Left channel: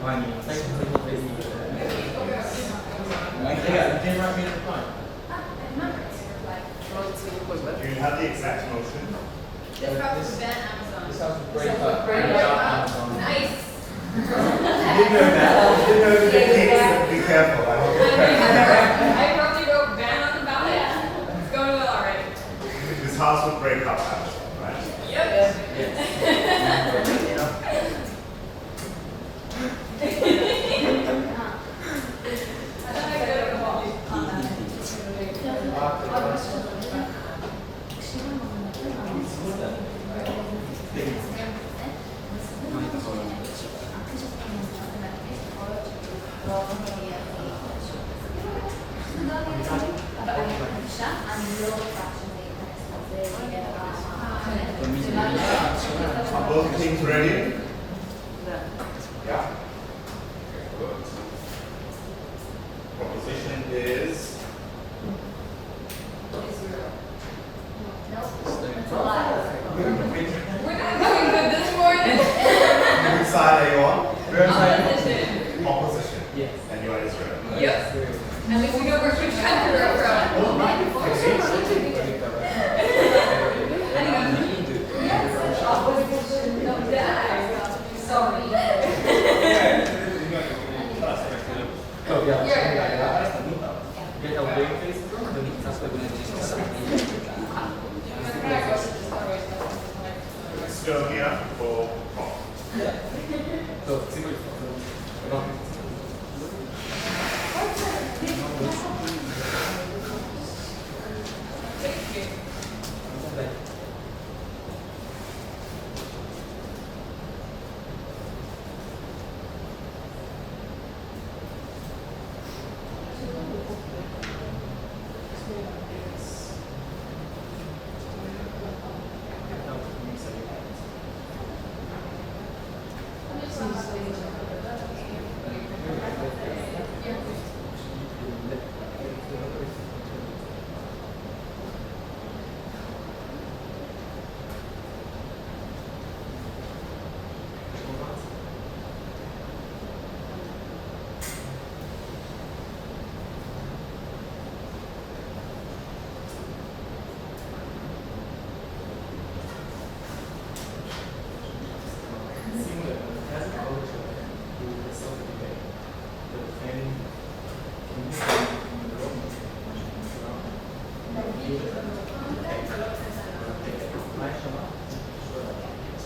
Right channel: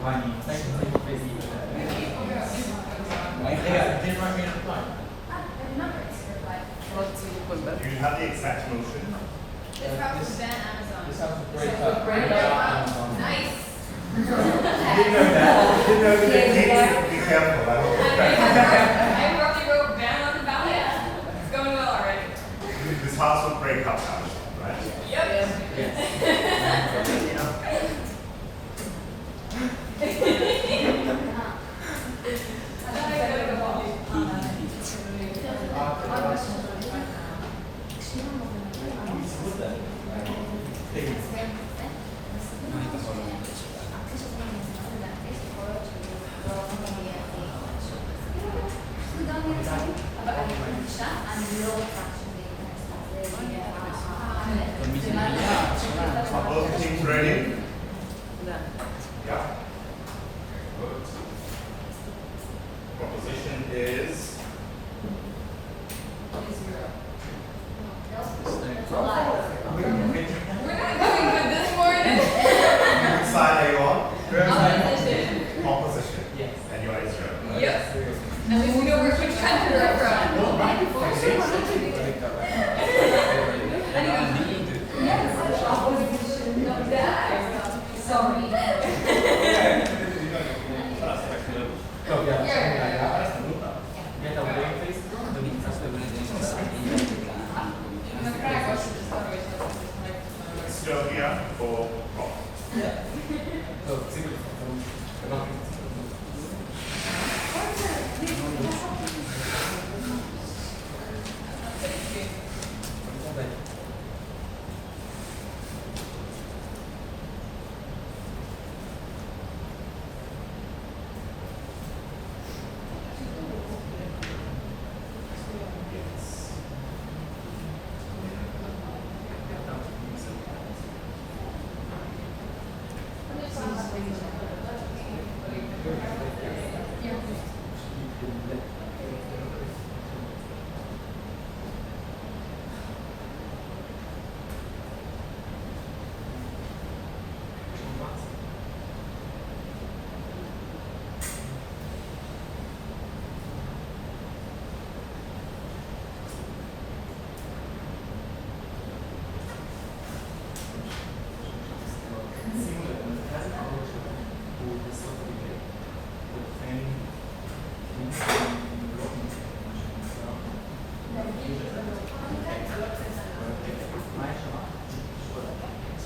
Do you have the exact motion? This part was ban Amazon. Nice. Be careful. I already wrote ban on the ballot. It's going well already. This house will break up, right? Yep. Are both teams ready? Yeah. Good. Proposition is We're not doing good this morning. which side are you on? Opposition. Opposition. Yes. And you are Israel. Yes. And then we know we're from forever on. Sorry. Estonia or Rock?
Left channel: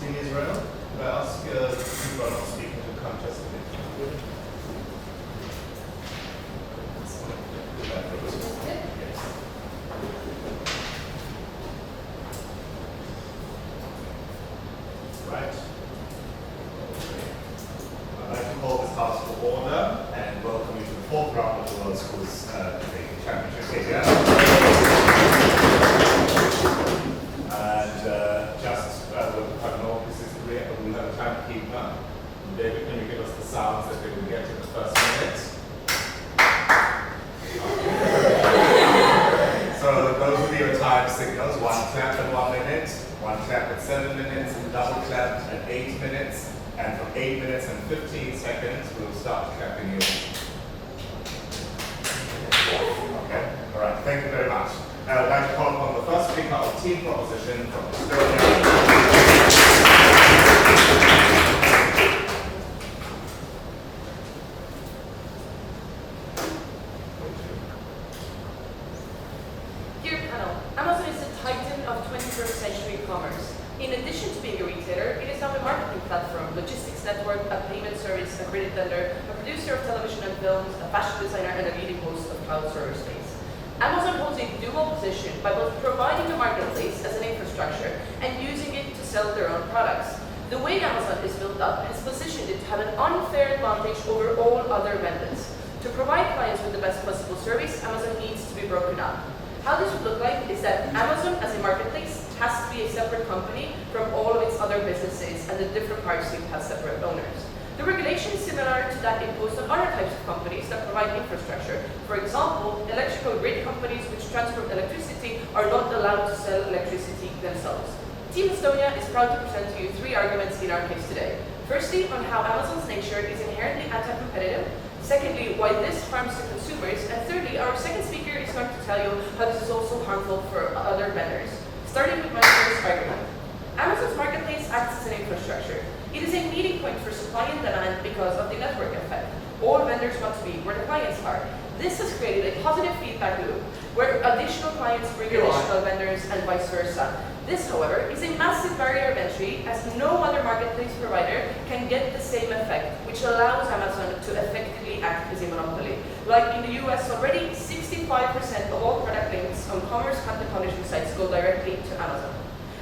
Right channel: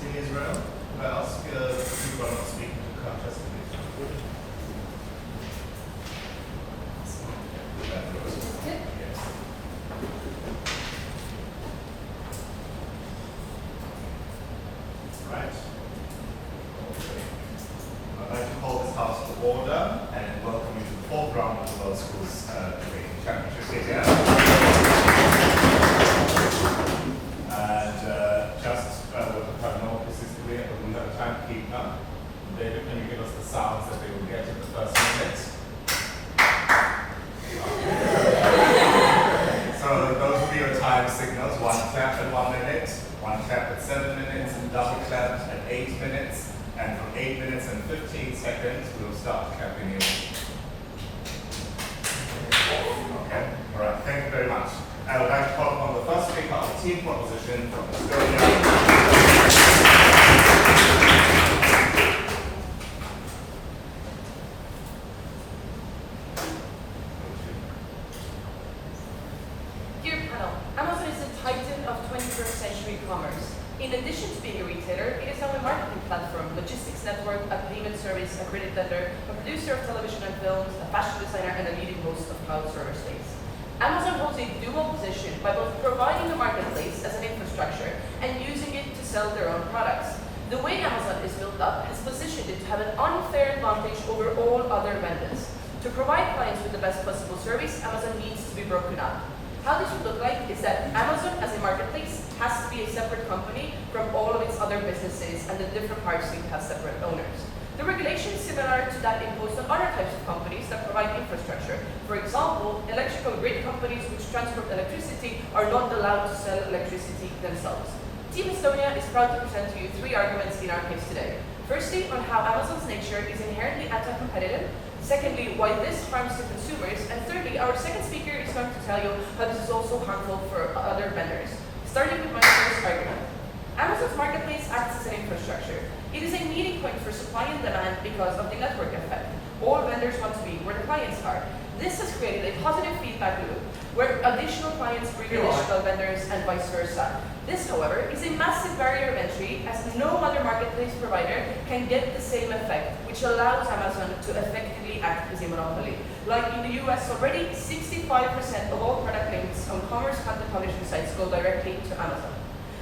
Team Israel, could I ask you to speak to the contest? Right. I'd like to call this house to order and welcome you to the fourth round of the World Schools Debating Championship here. And just this is great, but we have time to keep going. David, can you give us the sounds that we will get in the first minute? So those will be your time signals. One clap at 1 minute, one clap at 7 minutes, double clap at 8 minutes, and for 8 minutes and 15 seconds, we'll start clapping in. Okay, all right, thank you very much. I would like to call upon the first speaker of team proposition from Estonia. Dear panel, Amazon is the titan of 21st century commerce. In addition to being a retailer, it is now a marketing platform, logistics network, a payment service, a credit lender, a producer of television and films, a fashion designer, and a leading host of cloud server space. Amazon holds a dual position by both providing the marketplace as an infrastructure and using it to sell their own products. The way Amazon is built up has positioned it to have an unfair advantage over all other vendors. To provide clients with the best possible service, Amazon needs to be broken up. How this would look like is that Amazon as a marketplace has to be a separate company from all of its other businesses, and the different parts need to have separate owners. The regulation is similar to that imposed on other types of companies that provide infrastructure. For example, electrical grid companies which transport electricity are not allowed to sell electricity themselves. Team Estonia is proud to present to you 3 arguments in our case today. Firstly, on how Amazon's nature is inherently anti-competitive. Secondly, why this harms the consumers. And thirdly, our second speaker is going to tell you how this is also harmful for other vendors. Starting with my first argument. Amazon's marketplace acts as an infrastructure. It is a meeting point for supply and demand because of the network effect. All vendors want to be where the clients are. This has created a positive feedback loop where additional clients bring additional vendors and vice versa. This, however, is a massive barrier of entry as no other marketplace provider can get the same effect, which allows Amazon to effectively act as a monopoly. Like in the US already, 65% of all product links on commerce content publishing sites go directly to Amazon.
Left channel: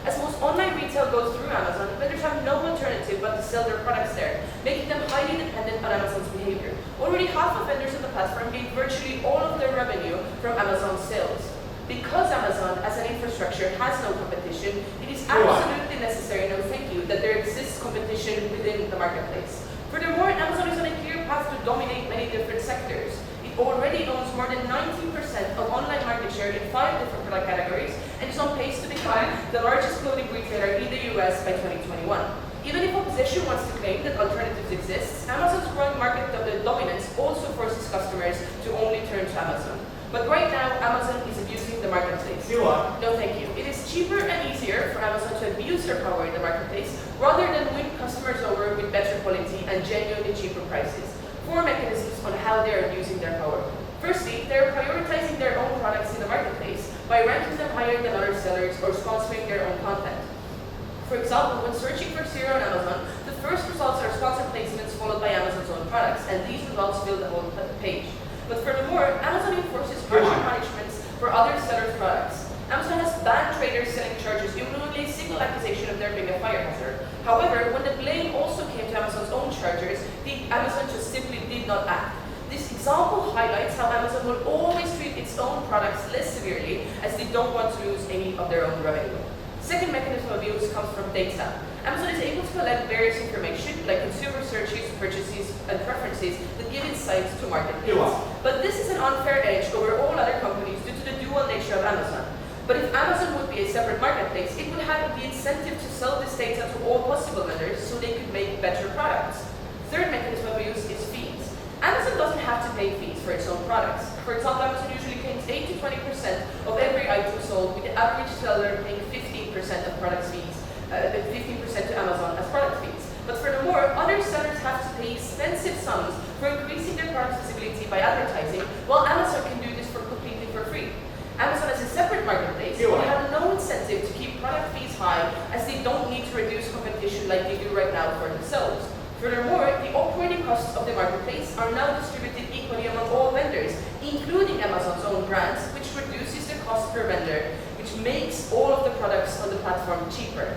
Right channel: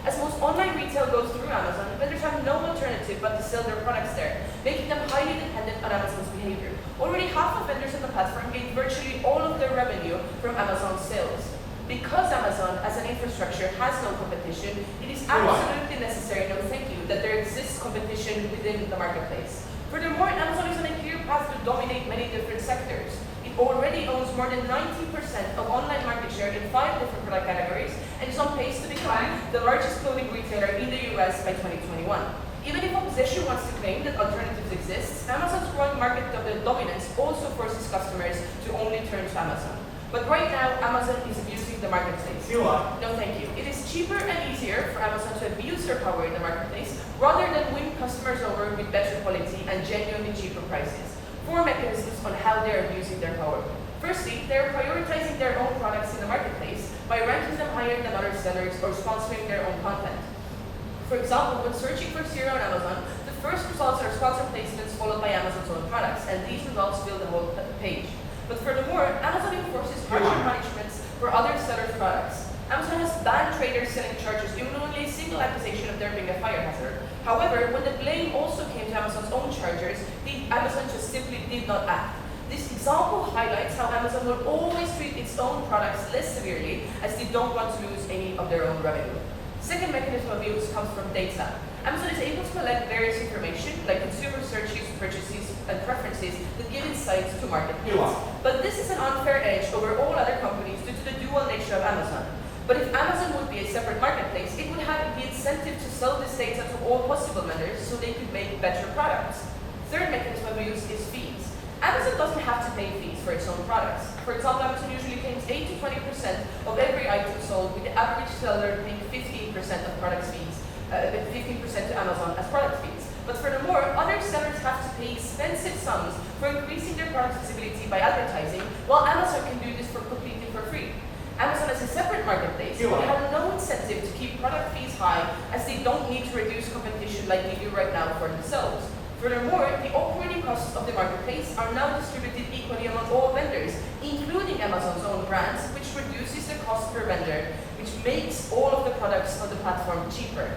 As most online retail goes through Amazon, vendors have no alternative but to sell their products there, making them highly dependent on Amazon's behavior. Already half of vendors on the platform gain virtually all of their revenue from Amazon's sales. Because Amazon, as an infrastructure, has no competition, it is absolutely necessary, no thank you, that there exists competition within the marketplace. Furthermore, Amazon is on a clear path to dominate many different sectors. It already owns more than 90% of online market share in 5 different product categories and is on pace to become the largest clothing retailer in the US by 2021. Even if opposition wants to claim that alternatives exist, Amazon's growing market dominance also forces customers to only turn to Amazon. But right now, Amazon is abusing the marketplace. You are. No, thank you. It is cheaper and easier for Amazon to abuse their power in the marketplace rather than win customers over with better quality and genuinely cheaper prices. 4 mechanisms on how they are using their power. Firstly, they are prioritizing their own products in the marketplace by ranking them higher than other sellers or sponsoring their own content. For example, when searching for cereal on Amazon, the first results are sponsored placements followed by Amazon's own products, and these results fill the whole page. But furthermore, Amazon enforces harsher punishments for other sellers' products. Amazon has banned traders selling chargers even on a single accusation of there being a fire hazard. However, when the blame also came to Amazon's own chargers, Amazon just simply did not act. This example highlights how Amazon will always treat its own products less severely as they don't want to lose any of their own revenue. Second mechanism of abuse comes from data. Amazon is able to collect various information like consumer searches, purchases, and preferences that give insights to market needs. But this is an unfair edge over all other companies due to the dual nature of Amazon. But if Amazon would be a separate marketplace, it would have the incentive to sell this data to all possible vendors so they could make better products. Third mechanism of abuse is fees. Amazon doesn't have to pay fees for its own products. For example, Amazon usually claims 8 to 20% of every item sold, with the average seller paying 15% of product fees, 15% to Amazon as product fees. But furthermore, other sellers have to pay expensive sums for increasing their product visibility by advertising, while Amazon can do this completely for free. Amazon as a separate marketplace will have no incentive to keep product fees high as they don't need to reduce competition like they do right now for themselves. Furthermore, the operating costs of the marketplace are now distributed equally among all vendors, including Amazon's own brands, which reduces the cost per vendor, which makes all of the products on the platform cheaper.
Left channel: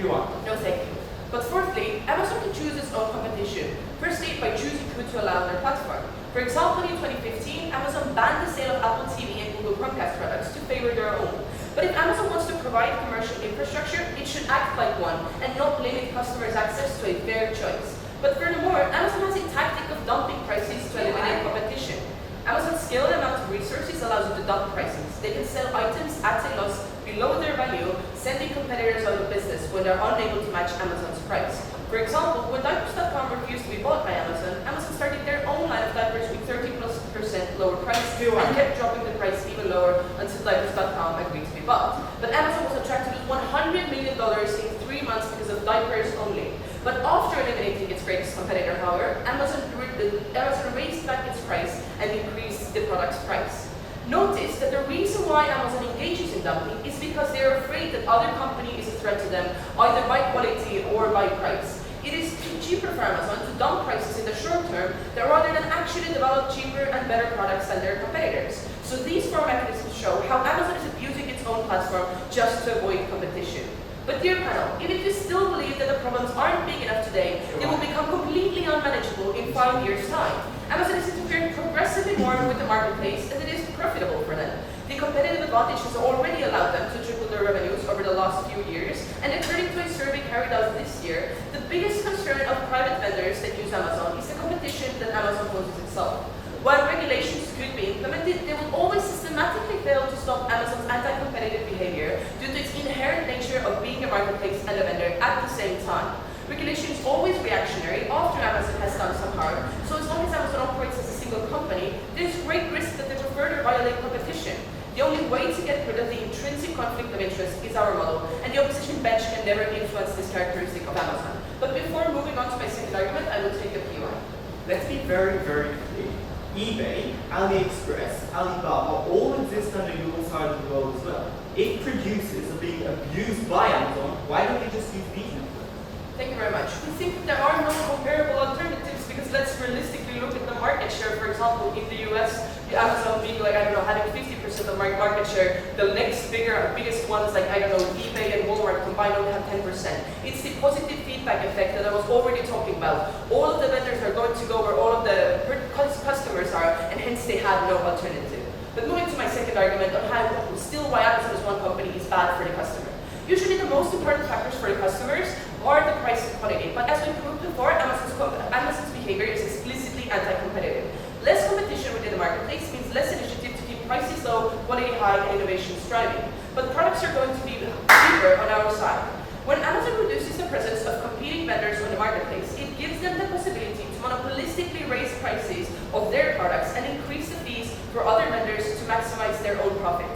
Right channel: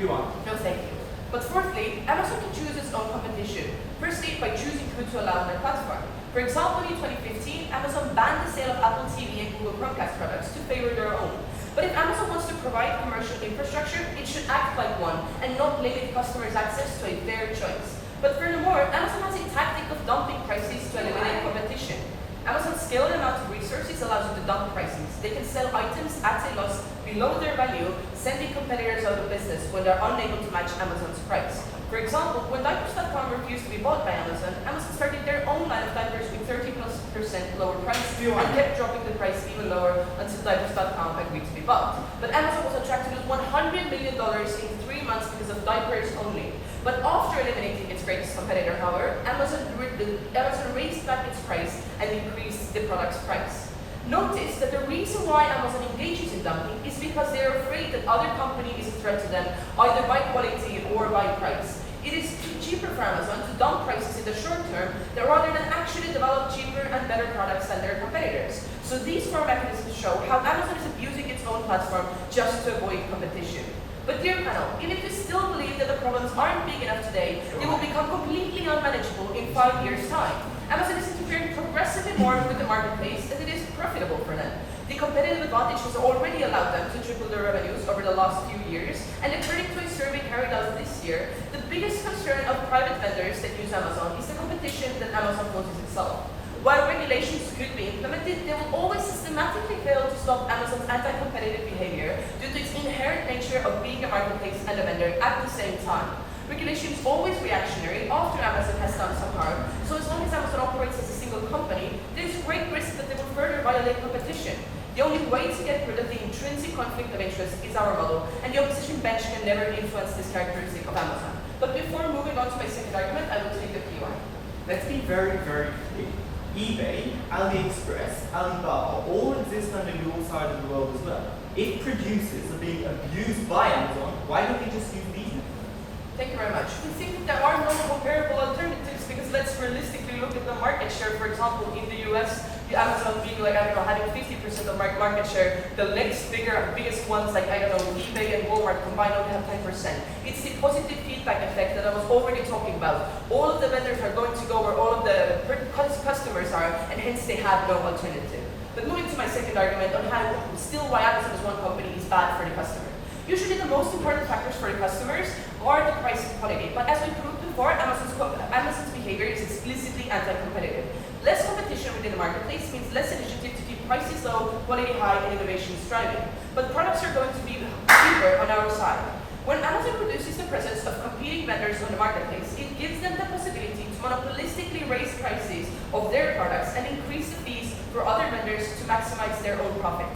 You are. No, thank you. But fourthly, Amazon can choose its own competition. Firstly, by choosing who to allow on their platform. For example, in 2015, Amazon banned the sale of Apple TV and Google Chromecast products to favor their own. But if Amazon wants to provide commercial infrastructure, it should act like one and not limit customers' access to a fair choice. But furthermore, Amazon has a tactic of dumping prices to eliminate competition. Amazon's scaled amount of resources allows them to dump prices. They can sell items at a loss below their value, sending competitors out of business when they're unable to match Amazon's price. For example, when diapers.com refused to be bought by Amazon, Amazon started their own line of diapers with 30+% lower price and kept dropping the price even lower until diapers.com agreed to be bought. But Amazon was on track to lose $100 million in 3 months because of diapers only. But after eliminating its greatest competitor, however, Amazon raised back its price and increased the product's price. Notice that the reason why Amazon engages in dumping is because they are afraid that other company is a threat to them, either by quality or by price. It is cheaper for Amazon to dump prices in the short term rather than actually develop cheaper and better products than their competitors. So these 4 mechanisms show how Amazon is abusing its own platform just to avoid competition. But dear panel, even if you still believe that the problems aren't big enough today, they will become completely unmanageable in 5 years' time. Amazon is interfering progressively more with the marketplace as it is profitable for them. The competitive advantage has already allowed them to triple their revenues over the last few years, and according to a survey carried out this year, the biggest concern of private vendors that use Amazon is the competition that Amazon poses itself. While regulations could be implemented, they will always systematically fail to stop Amazon's anti-competitive behavior due to its inherent nature of being a marketplace and a vendor at the same time. Regulation is always reactionary after Amazon has done some harm, so as long as Amazon operates as a single company, there's great risk that they will further violate competition. The only way to get rid of the intrinsic conflict of interest is our model, and the opposition bench can never influence this characteristic of Amazon. But before moving on to my second argument, I will take a POI. Let's be very, very clear. eBay, AliExpress, Alibaba all exist on your side of the world as well. If producers are being abused by Amazon, why don't they just use these methods? Thank you very much. We think that there are no comparable alternatives because let's realistically look at the market share. For example, in the US, Amazon being like, I don't know, having 50% of market share. The next biggest ones like, I don't know, eBay and Walmart combined only have 10%. It's the positive feedback effect that I was already talking about. All of the vendors are going to go where all of the customers are, and hence they have no alternative. But moving to my second argument on how why Amazon as one company is bad for the customer. Usually the most important factors for the customers are the price and quality, but as we proved before, Amazon's behavior is explicitly anti-competitive. Less competition within the marketplace means less initiative to keep prices low, quality high, and innovation striving. But products are going to be cheaper on our side. When Amazon reduces the presence of competing vendors on the marketplace, it gives them the possibility to monopolistically raise prices of their products and increase the fees for other vendors to maximize their own profit.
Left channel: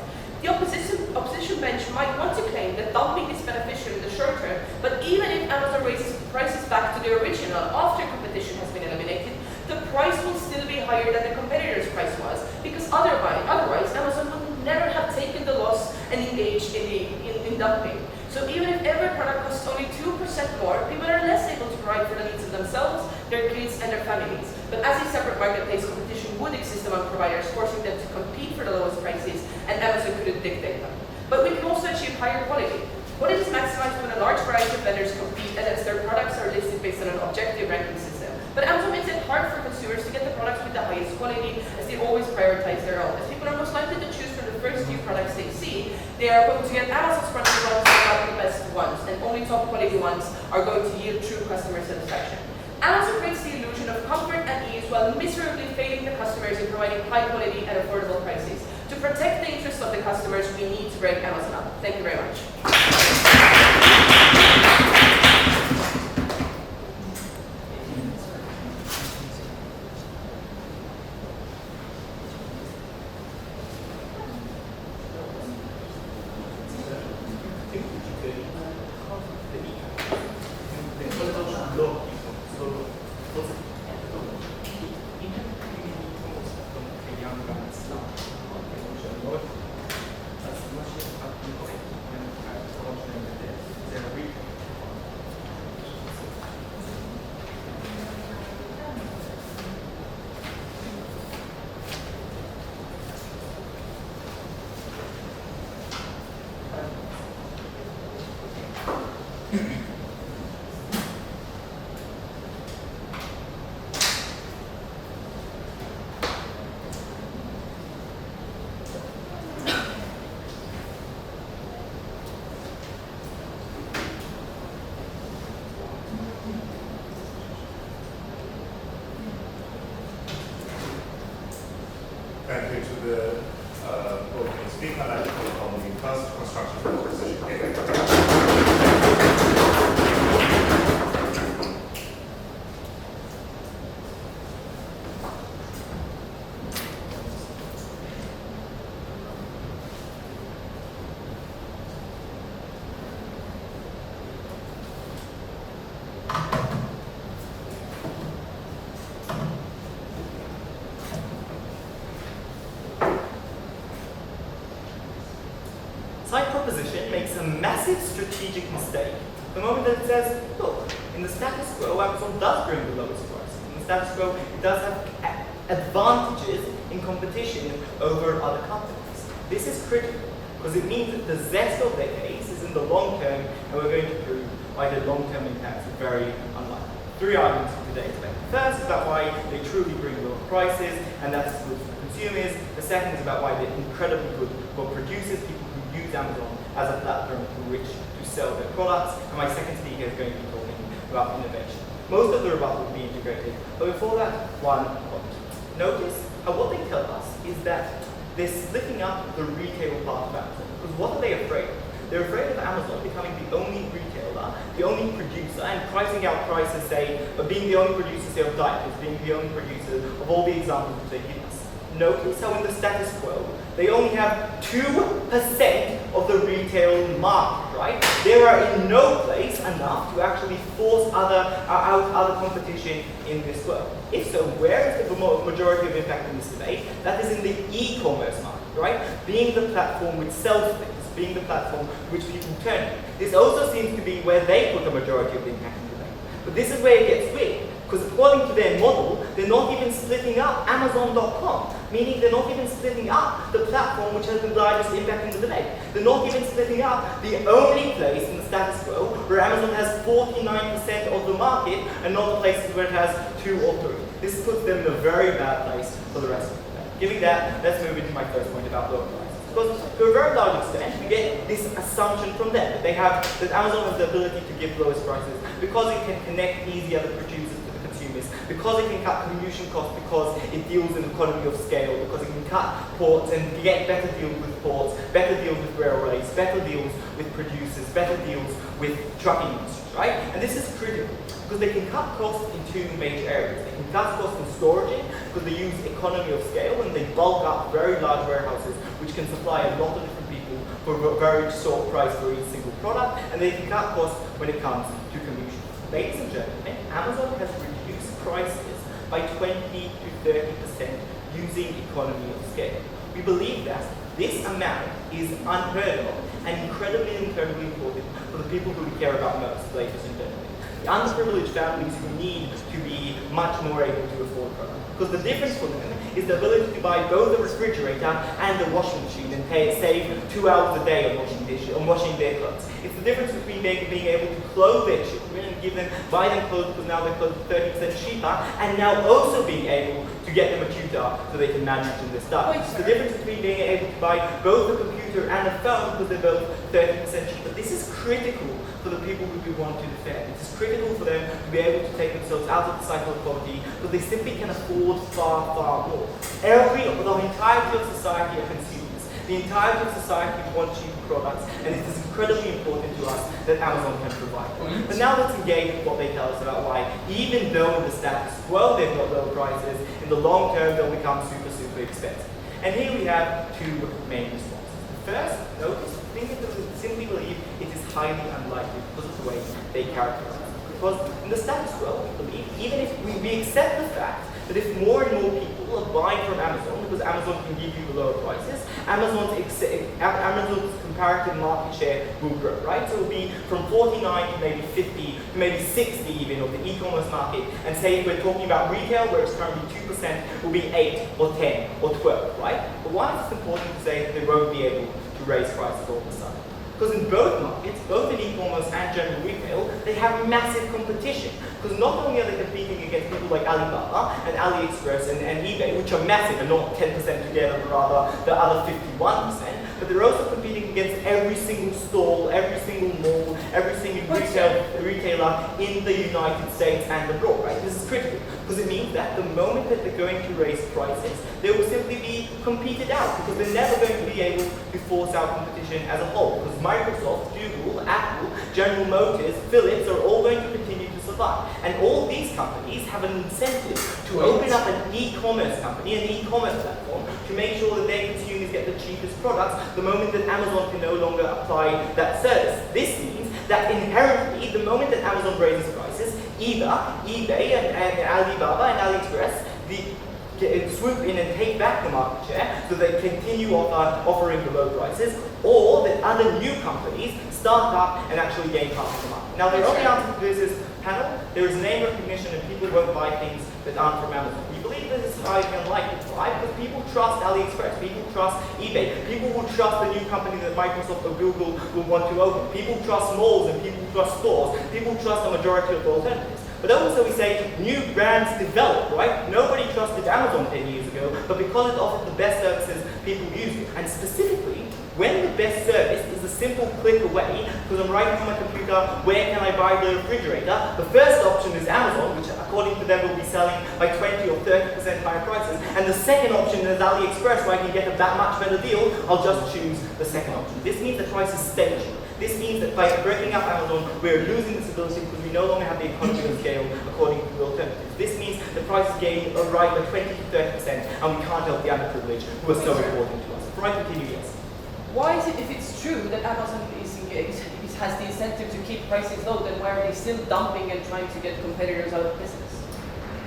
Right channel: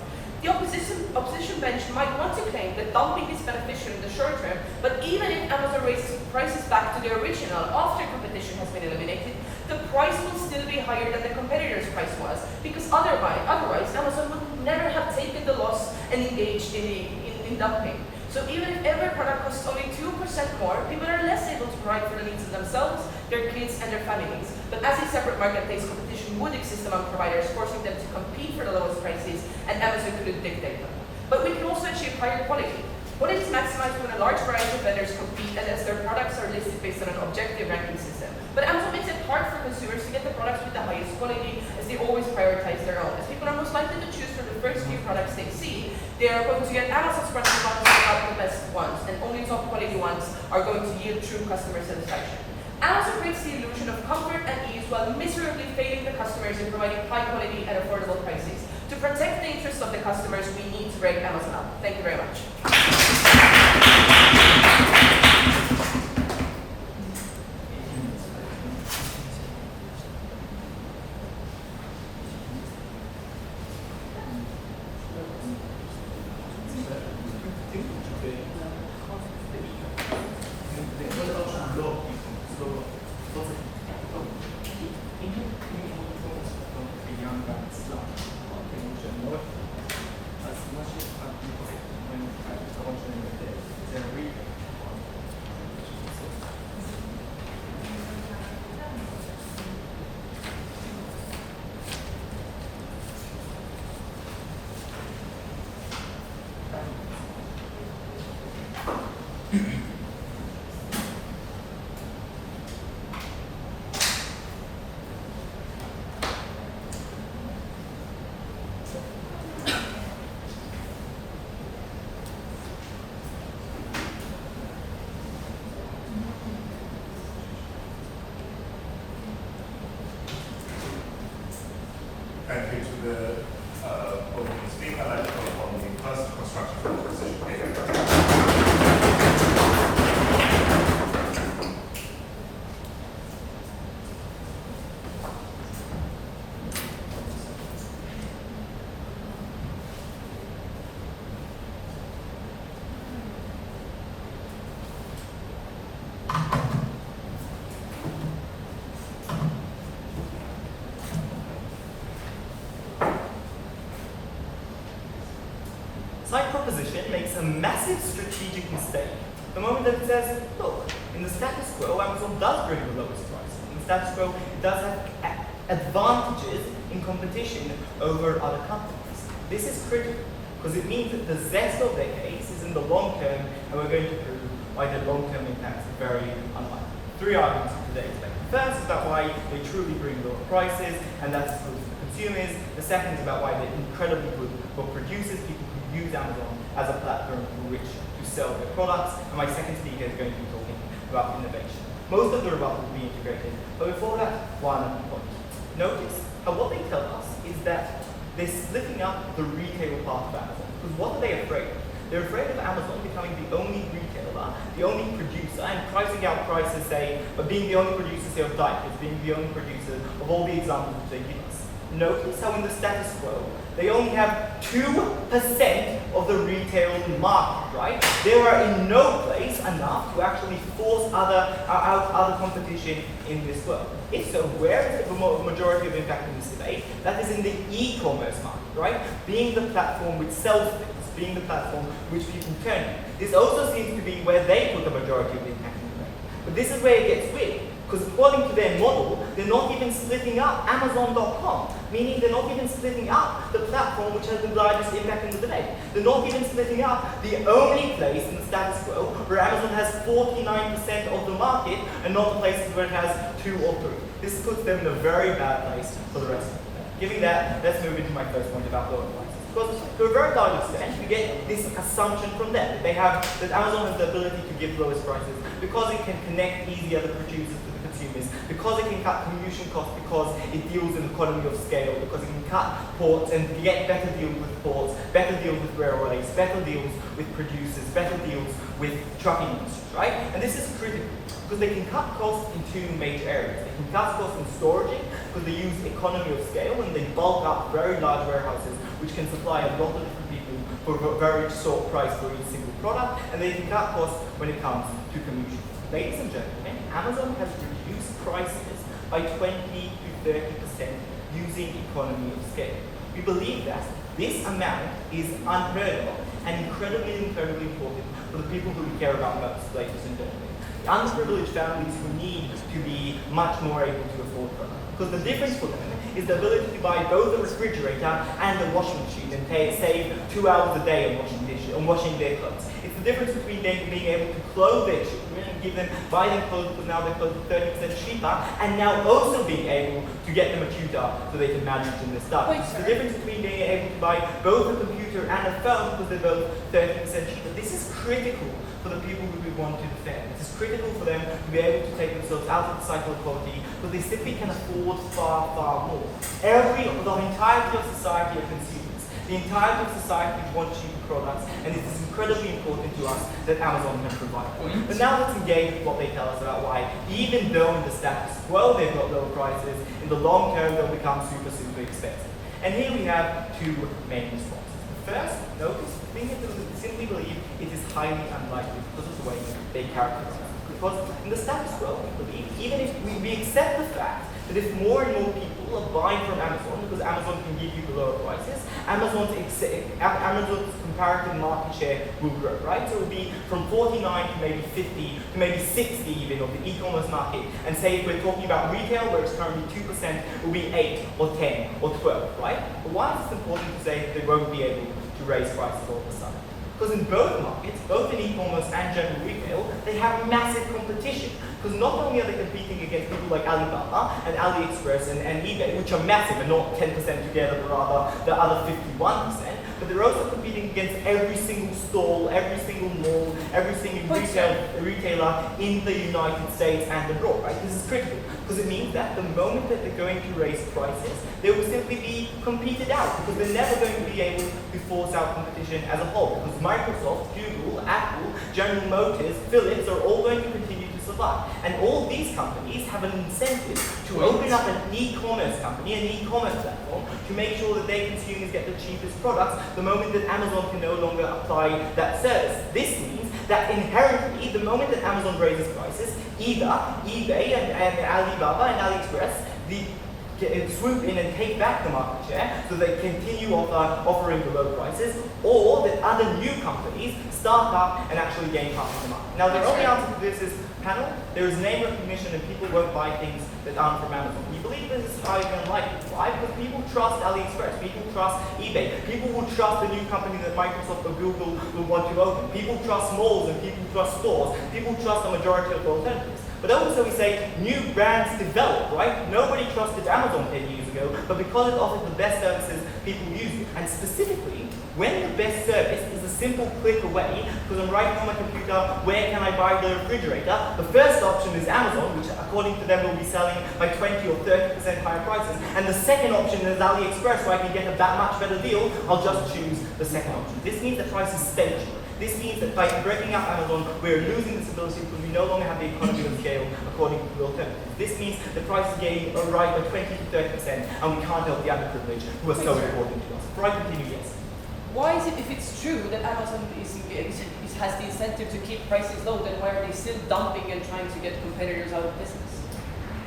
The opposition bench might want to claim that dumping is beneficial in the short term, but even if Amazon raises prices back to the original after competition has been eliminated, the price will still be higher than the competitor's price was, because otherwise Amazon would never have taken the loss and engaged in dumping. So even if every product costs only 2% more, people are less able to provide for the needs of themselves, their kids, and their families. But as a separate marketplace, competition would exist among providers, forcing them to compete for the lowest prices, and Amazon couldn't dictate them. But we can also achieve higher quality. Quality is maximized when a large variety of vendors compete and as their products are listed based on an objective ranking system. But Amazon makes it hard for consumers to get the products with the highest quality, as they always prioritize their own. As people are most likely to choose from the first few products they see, they are going to get Amazon's friendly ones and not the best ones, and only top quality ones are going to yield true customer satisfaction. Amazon creates the illusion of comfort and ease while miserably failing the customers in providing high quality and affordable prices. To protect the interests of the customers, we need to break Amazon up. Thank you very much. Thank you to the opening speaker and the following first construction proposition here. Side proposition makes a massive strategic mistake the moment that it says, look, in the status quo, Amazon does bring the lowest price. In the status quo, it does have advantages in competition over other companies. This is critical because it means that the zest of their case is in the long term, and we're going to prove why the long-term impacts are very unlikely. 3 arguments for today's lecture. First is about why they truly bring lower prices, and that's good for the consumers. The second is about why they're incredibly good for producers, people who use Amazon as a platform through which to sell their products. And my second speaker is going to be talking about innovation. Most of the rebuttal will be integrated, but before that, one point. Notice how what they tell us is that they're splitting up the retail part of Amazon. Because what are they afraid of? They're afraid of Amazon becoming the only retailer, the only producer, and pricing out prices, say, but being the only producer, say, of diapers, being the only producer of all the examples which they give us. Notice how in the status quo, they only have 2% of the retail market, right? They are in no place enough to actually force out other competition in this world. If so, where is the majority of impact in this debate? That is in the e-commerce market, right? Being the platform which sells things, being the platform which people turn to. This also seems to be where they put the majority of the impact in the debate. But this is where it gets weird. Because according to their model, they're not even splitting up Amazon.com, meaning they're not even splitting up the platform which has the largest impact in the debate. They're not even splitting up the only place in the status quo where Amazon has 49% of the market and not the places where it has 2 or 3. This puts them in a very bad place for the rest of the debate. Given that, let's move into my first point about lower prices. Because to a very large extent, we get this assumption from them that that Amazon has the ability to give lowest prices because it can connect easier the producers to the consumers, because it can cut commission costs, because it deals in economy of scale, because it can cut ports and get better deals with ports, better deals with railways, better deals with producers, better deals with trucking industries, right? And this is critical because they can cut costs in 2 major areas. They can cut costs in storage because they use economy of scale and they bulk up very large warehouses which can supply a lot of different people for a very short price for each single product, and they can cut costs when it comes to commission. Ladies and gentlemen, Amazon has reduced prices by 20 to 30% using economy of scale. We believe that this amount is unheard of and incredibly important for the people who we care about most, ladies and gentlemen. The underprivileged families who need to be much more able to afford products. Because the difference for them is the ability to buy both a refrigerator and a washing machine and save 2 hours a day on washing their clothes. It's the difference between being able to clothe their children and buy them clothes because now they're clothes 30% cheaper, and now also being able to get them a tutor so they can manage in their studies. It's the difference between being able to buy both a computer and a phone because they're both 30% cheaper. This is critical for the people who we want to defend. This is critical for them to be able to take themselves out of the cycle of poverty because they simply can afford far more. The entirety of society are consumers. The entirety of society wants cheap products, and it is incredibly important to us that Amazon can provide them. But now let's engage with what they tell us about why, even though in the status quo they've got low prices, in the long term they'll become super expensive. And here we have 2 main responses. First, notice, we simply believe it is highly unlikely because of the way they characterize it. Because in the status quo, we believe, even if we accept the fact that if more and more people are buying from Amazon, because Amazon can give you the lower prices, Amazon's comparative market share will grow, right? So it will be from 49 to maybe 50 to maybe 60 even of the e-commerce market. And say if we're talking about retail, where it's currently 2%, it will be 8 or 10 or 12, right? But why is it important to say that they won't be able to raise prices all of a sudden? Because in both markets, both in e-commerce and general retail, they have massive competition. Because not only are they competing against people like Alibaba and AliExpress and eBay, which are massive and not 10% together, but rather the other 51%, but they're also competing against every single stall, every single mall, every single retailer in the United States and abroad, right? This is critical, because it means that the moment that they're going to raise prices, they will simply be competed out, because they're never going to be able to force out competition as a whole, because Microsoft, Google, Apple, General Motors, Philips are all going to continue to survive. And all these companies have an incentive to open up an e-commerce company, an e-commerce platform, to make sure that their consumers get the cheapest products the moment that Amazon can no longer apply that service. This means that inherently, the moment that Amazon raises prices, either eBay and Alibaba and AliExpress, swoop in and take back the market share so they continue offering the low prices, or that other new companies start up and actually gain part of the market. Now, the only answer to this is panel. There is name recognition and people won't buy things that aren't from Amazon. We believe this is highly unlikely. Why? Because people trust AliExpress, people trust eBay, people will trust the new company that Microsoft or Google will want to open, people trust malls and people trust stores, people trust the majority of the alternatives. But also we say new brands develop, right? Nobody trusted Amazon 10 years ago, but because it offered the best services, people used it. And specifically, When the best service is a simple click away, because I'm writing on my computer, where can I buy the refrigerator? The first option is Amazon, which according to them will be selling by 20 or 30% higher prices. And the second option is AliExpress, where I can get a that much better deal. I'll just choose the second option. This means the price is staged. This means that by breaking up Amazon, we're losing this ability because we no longer have the economy of scale according to the alternatives. This means the price is gained right by 20 to 30%, and we can't help the underprivileged who are so important to us. Before I continue, yes. Why is it, if it's true that Amazon has the incentive to keep prices low, then why are they still dumping and trying to get competitors out of business?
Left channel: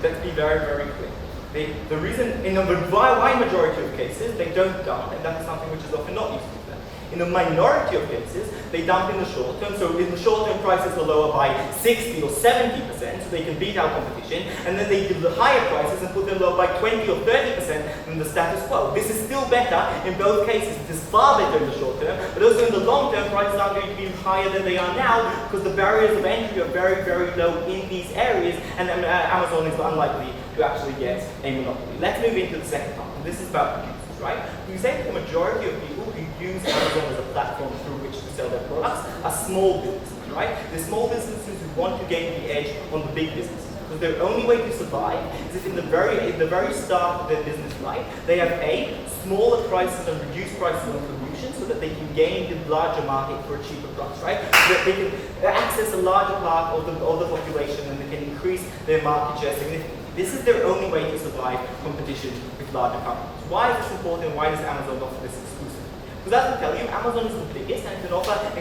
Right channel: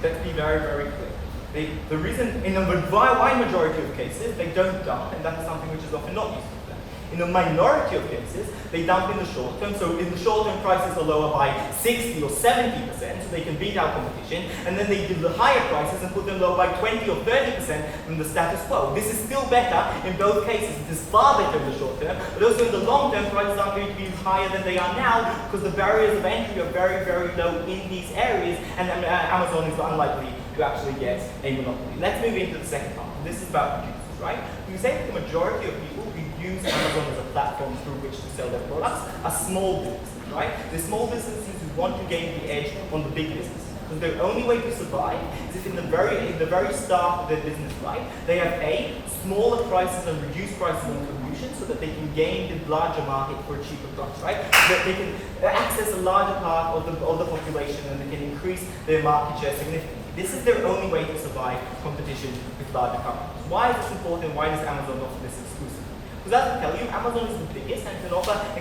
Let's be very, very clear. The reason, in a wide majority of cases, they don't dump, and that is something which is often not useful to them. In a minority of cases, they dump in the short term. So in the short term, prices are lower by 60 or 70%, so they can beat our competition. And then they give the higher prices and put them lower by 20 or 30% than the status quo. This is still better in both cases. It is far better in the short term, but also in the long term, prices aren't going to be higher than they are now because the barriers of entry are very, very low in these areas, and Amazon is unlikely to actually get a monopoly. Let's move into the second part. This is about producers, right? We say that the majority of people who use Amazon as a platform through which to sell their products are small businesses, right? The small businesses who want to gain the edge on the big businesses. Because their only way to survive is if in the very start of their business life, they have smaller prices and reduced prices on solutions so that they can gain the larger market for a cheaper price, right? So that they can access a larger part of the population and they can increase their market share significantly. This is their only way to survive competition with larger companies. Why is this important? Why does Amazon offer this exclusively? Because as I tell you, Amazon is the biggest and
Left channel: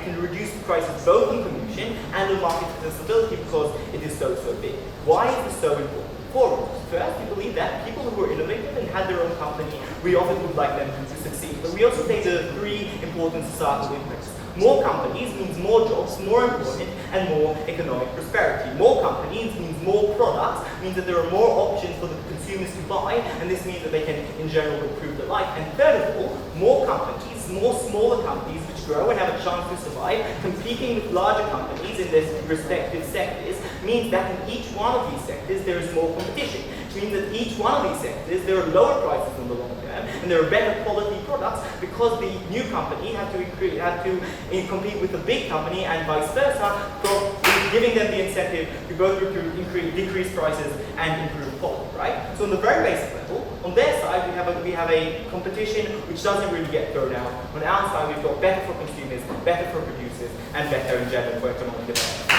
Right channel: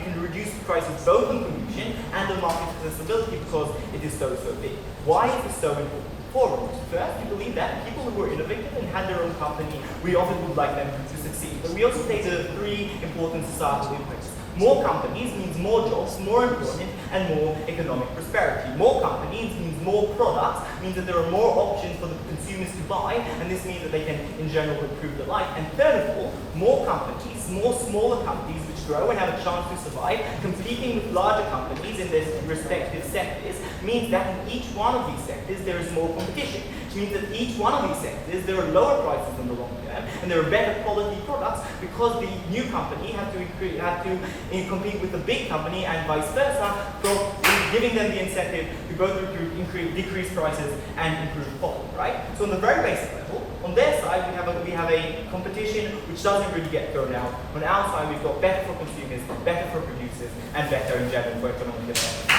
can reduce prices both on commission and on market accessibility because it is so big. Why is this so important? For us, first, we believe that people who are innovative and had their own company, we often would like them to succeed. But we also take the three important societal impacts. More companies means more jobs, more employment, and more economic prosperity. More companies means more products, means that there are more options for the consumers to buy, and this means that they can, in general, improve their life. And third of all, more companies, more smaller companies which grow and have a chance to survive, competing with larger companies in their respective sectors, means that in each one of these sectors there is more competition. Which means that each one of these sectors there are lower prices in the long term, and there are better quality products because the new company have to compete with the big company and vice versa, so giving them the incentive to go through decrease prices and improve quality, right? So on the very basic level, on their side we have a competition which doesn't really get thrown out. On our side we've got better for consumers, better for producers, and better in general for economic development.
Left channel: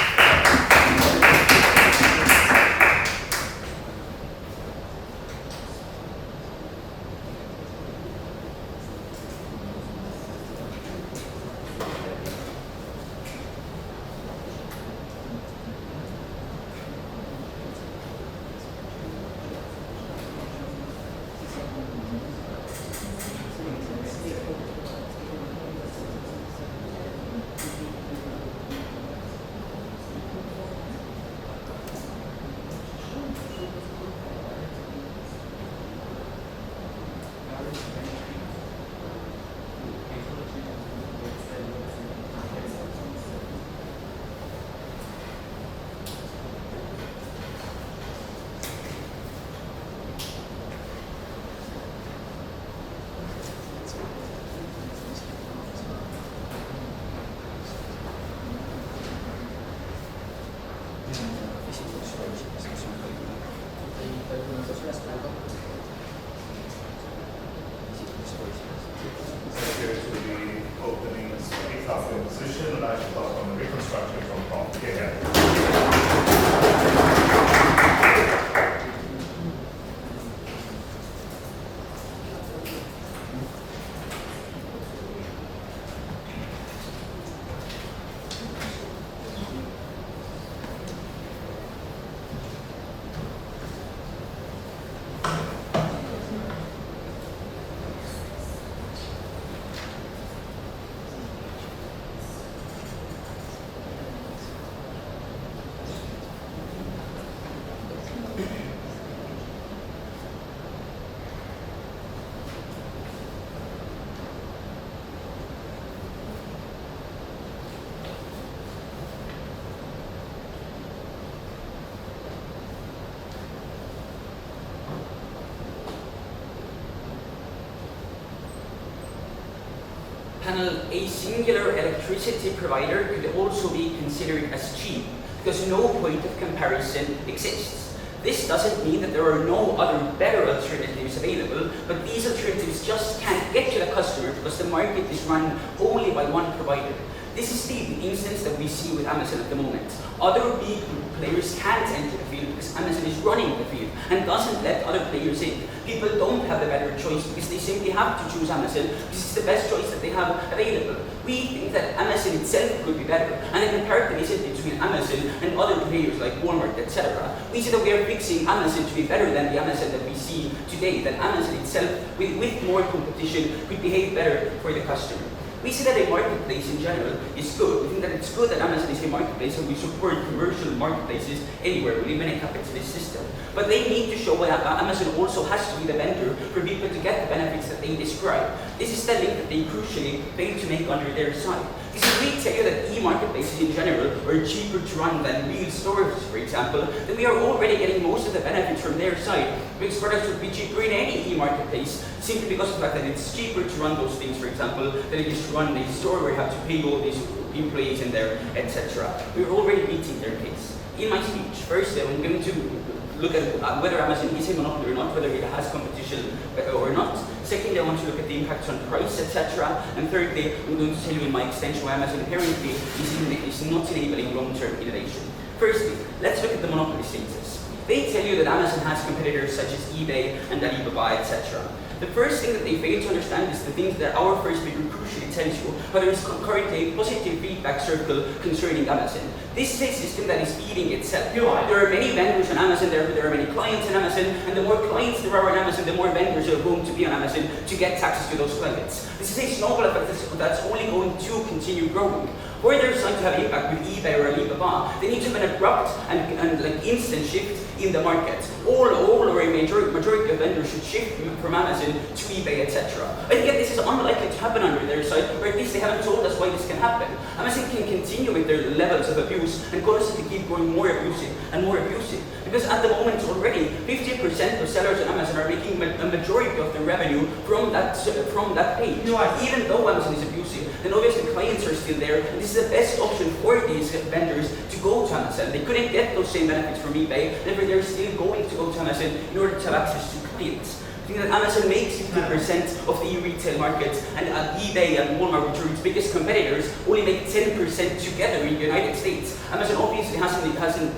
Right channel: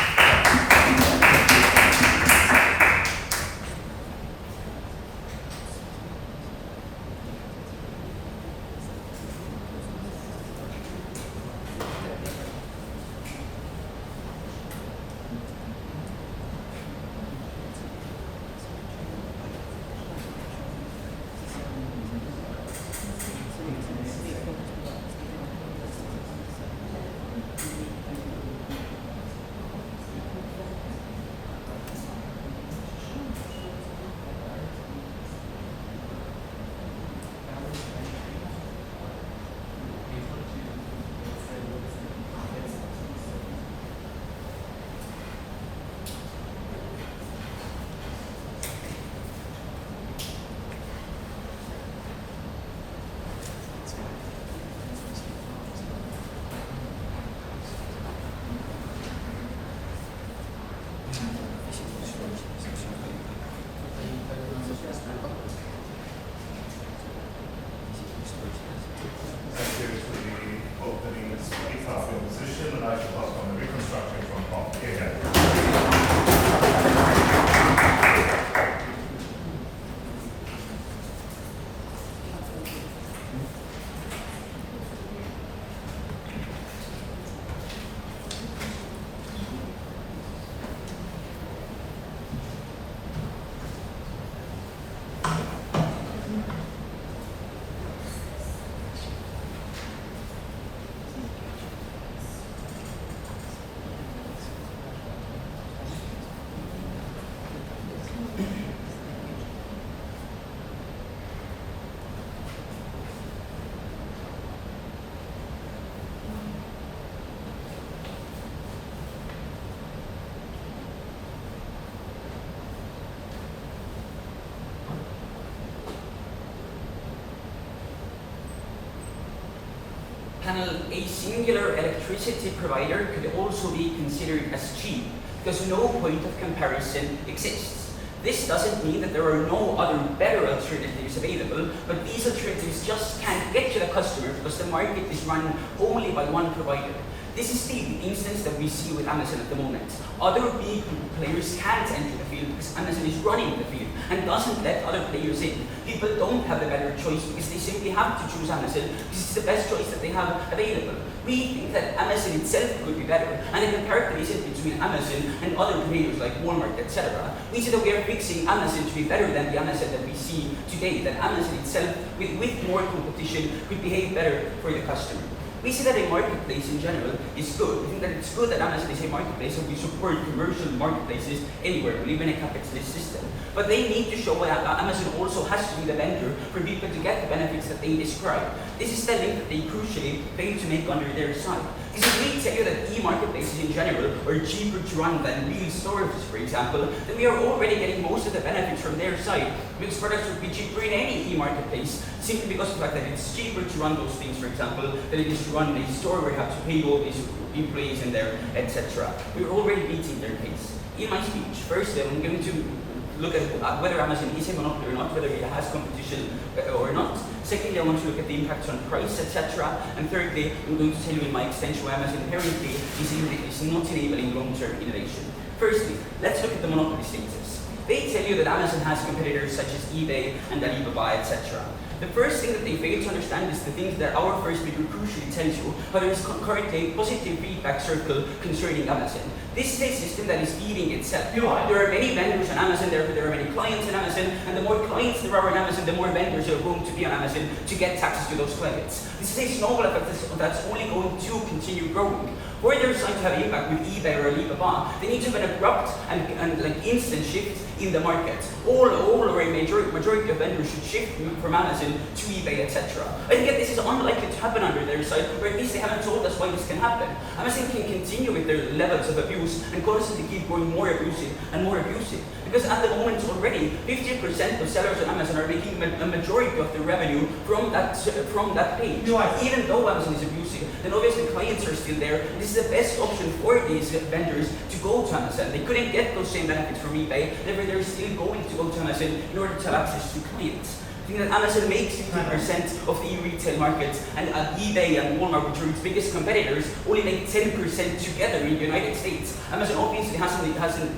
panel, a singular electricity provider could also be considered as cheap because no point of comparison exists. This doesn't mean that there are no other better alternatives available, but these alternatives just can't get to the customer because the market is run only by one provider. This is the instance that we see with Amazon at the moment. Other big players can't enter the field because Amazon is running the field and doesn't let other players in. People don't have the better choice because they simply have to choose Amazon because it's the best choice that they have available. We think that Amazon itself could be better, and the comparison between Amazon and other players like Walmart, etc. We see that we are fixing Amazon to be better than the Amazon that we see today, that Amazon itself, with more competition, could behave better for the customer. We see that a marketplace in general is good. We think that it's good that Amazon is a marketplace, and we support commercial marketplaces anywhere. We live in a capitalist system. But they need to show that Amazon also has to be the vendor for people to get the benefits that they describe. This is the link that they crucially fail to make under their side. Because if we tell you that e-marketplaces in general are cheaper to run than real stores, for example, then we are already getting most of the benefits from their side, because products would be cheaper in any e-marketplace, simply because of the fact that it's cheaper to run those things, for example, than it is to run a store where you have to pay all these employees in there, etc. We're already beating their case. In my speech, firstly, I'm going to look at whether Amazon is a monopoly or not, whether it has competition or not. Secondly, I want to look at the impacts on price, etc. And thirdly, I'm going to tell you in my extension why Amazon apparently is not enabling long-term innovation. Firstly, let's look at the monopoly status. They tell you that Amazon has competitors such as eBay and Alibaba, etc. The first thing that they fail to understand is the things that our first speaker crucially tells you, but there is currently a positive feedback circle concerning Amazon. This is a system that is feeding itself. There are many vendors on Amazon, therefore there are many clients on Amazon, and the more clients there are on Amazon, the more vendors are going to be on Amazon to get access to those clients. This is a snowball effect that's only going to continue growing. For their side to have impact with eBay or Alibaba, they need to have an abrupt and like instant shift in the market. All or a majority of vendors should shift from Amazon to eBay, etc. I think this is unlikely to happen under their side, or at least they haven't told us why this can happen. Amazon can continue with their levels of abuse and constantly keep growing more abusive and more abusive. Because at the moment already, 50% of sellers on Amazon are making a majority of their revenue from that page. Even though Amazon is abusive, then obviously clients are still there, and this is the best option for these vendors to go to Amazon. They couldn't get those same benefits from eBay, therefore they're still going to go to Amazon in order to have access to clients. I think that Amazon makes 50% of the e-retail market, and eBay and Walmart, which are its biggest competitors, only make 10% together in the United States. Amazon obviously has an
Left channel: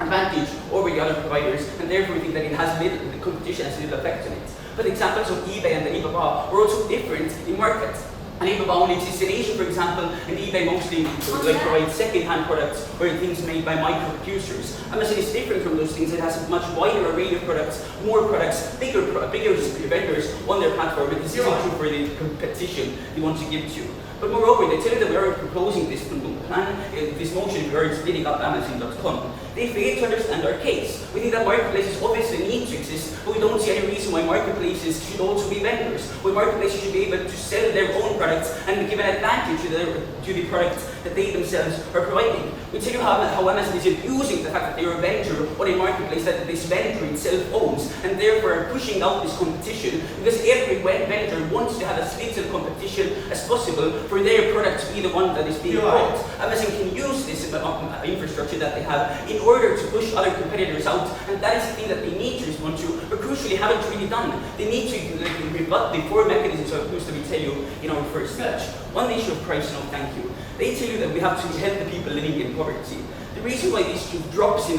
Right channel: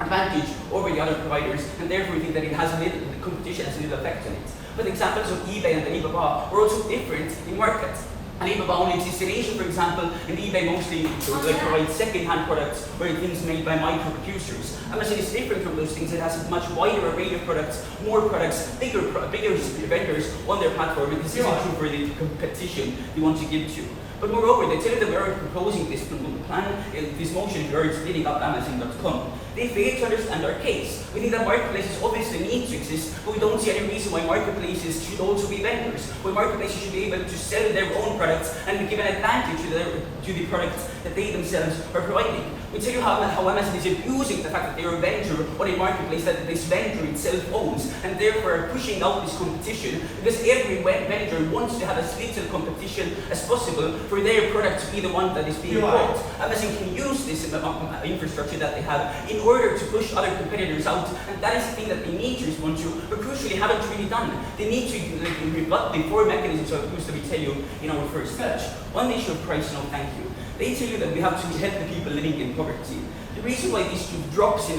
advantage over the other providers, and therefore we think that the competition has little effect on it. But examples of eBay and Alibaba are also different in market. Alibaba only exists in Asia, for example, and eBay mostly provides second-hand products or things made by micro-producers. Amazon is different from those things. It has a much wider array of products, more products, bigger vendors on their platform, and this isn't true for the competition they want to give to. But moreover, they tell you that we are proposing this plan, this motion, we are splitting up Amazon.com. They fail to understand our case. We think that marketplaces obviously need to exist, but we don't see any reason why marketplaces should also be vendors. Why marketplaces should be able to sell their own products and give an advantage to the products that they themselves are providing. We tell you how Amazon is abusing the fact that they are a vendor on a marketplace that this vendor itself owns, and therefore are pushing out this competition, because every vendor wants to have as little competition as possible for their product to be the one that is being bought. Amazon can use this infrastructure that they have in order to push other competitors out, and that is the thing that they need to respond to, but crucially haven't really done. They need to rebut the four mechanisms of abuse that we tell you in our first speech. On the issue of price, no thank you. They tell you that we have to help the people living in poverty. The reason why these drops in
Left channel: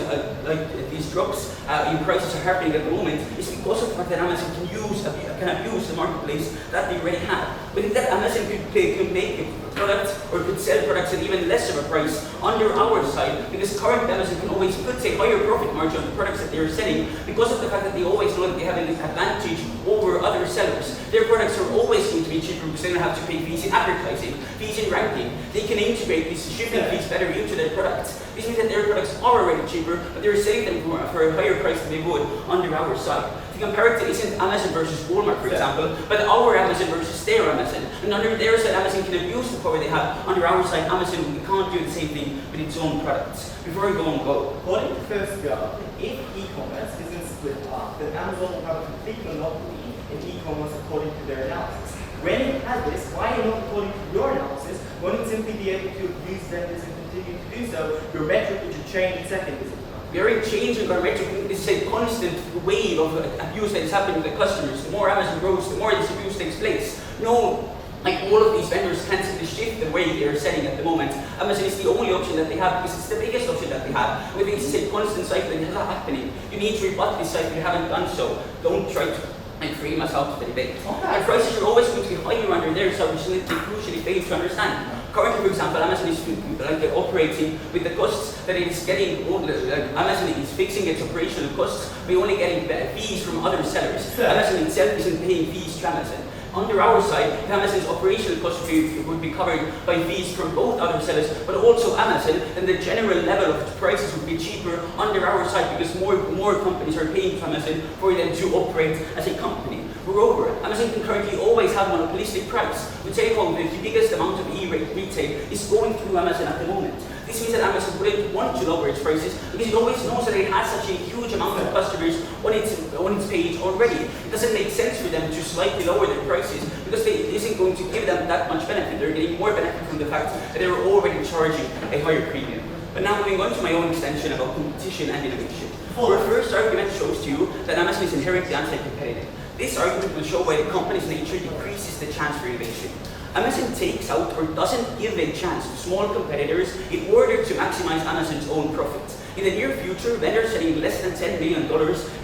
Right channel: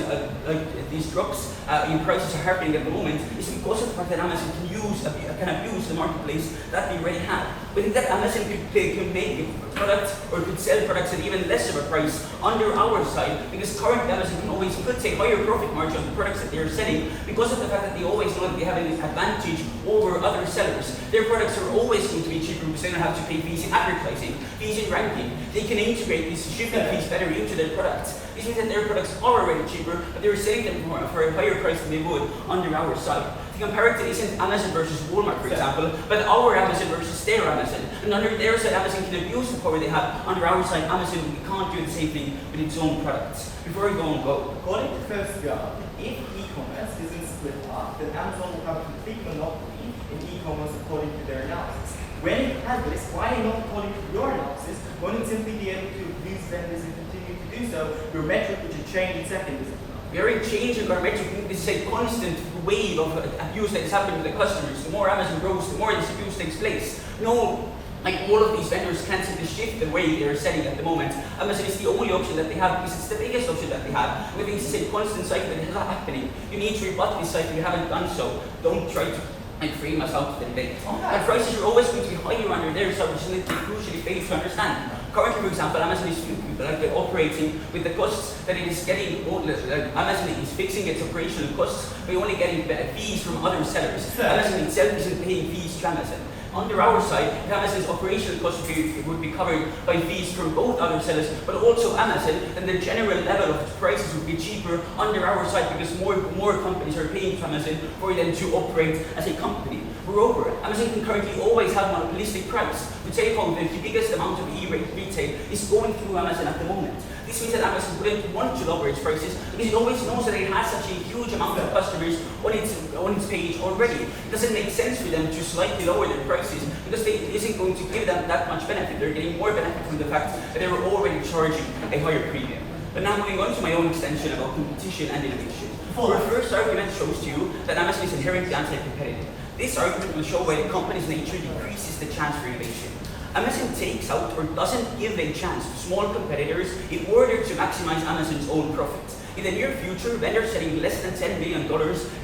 prices are happening at the moment is because of the fact that Amazon can abuse the marketplace that they already have. We think that Amazon could make a product or could sell products at even less of a price under our side, because currently Amazon can always put a higher profit margin on the products that they are selling because of the fact that they always know that they have an advantage over other sellers. Their products are always going to be cheaper because they don't have to pay fees in advertising, fees in ranking. They can integrate these shipping fees better into their products. This means that their products are already cheaper, but they're selling them for a higher price than they would under our side. The comparative isn't Amazon versus Walmart, for example, but our Amazon versus their Amazon. And under their side, Amazon can abuse the power they have. Under our side, Amazon can't do the same thing with its own products. Before we go on, go. According to first graph, if e-commerce isn't split up, then Amazon will have a complete monopoly in e-commerce according to their analysis. When it has this, why not according to your analysis, won't it simply be able to use vendors and continue to do so? Your metric which is changing settings. We aren't changing our metric. This is a constant wave of abuse that is happening with the customers. The more Amazon grows, the more this abuse takes place. No, like all of these vendors can't seem to shift the way they're setting at the moment. Amazon is the only option that they have because it's the biggest option that they have. We think this is a constant cycle that is not happening. You need to rebut this cycle. You haven't done so. Don't try to frame us out of the debate. And prices are always going to be higher under their side, which is something they crucially fail to understand. Currently, for example, Amazon is operating with the costs that it is getting. Amazon is fixing its operational costs by only getting fees from other sellers. Amazon itself isn't paying fees to Amazon. Under our side, Amazon's operational costs would be covered by fees from both other sellers, but also Amazon, then the general level of prices would be cheaper under our side because more companies are paying to Amazon for them to operate as a company. Moreover, Amazon can currently always have monopolistic price. We take home the biggest amount of e-retail is going through Amazon at the moment. This means that Amazon wouldn't want to lower its prices because it always knows that it has such a huge amount of customers on its page already. It doesn't make sense for them to slightly lower their prices because it isn't going to give them that much benefit. They're getting more benefit from the fact that they're already charging a higher premium. But now moving on to my own extension about competition and innovation. Our first argument shows to you that Amazon is inherently anti-competitive. This argument will show why the company's nature decreases the chance for innovation. Amazon takes out or doesn't give a chance to small competitors in order to maximize Amazon's own profits. In the near future, vendors selling less than $10 million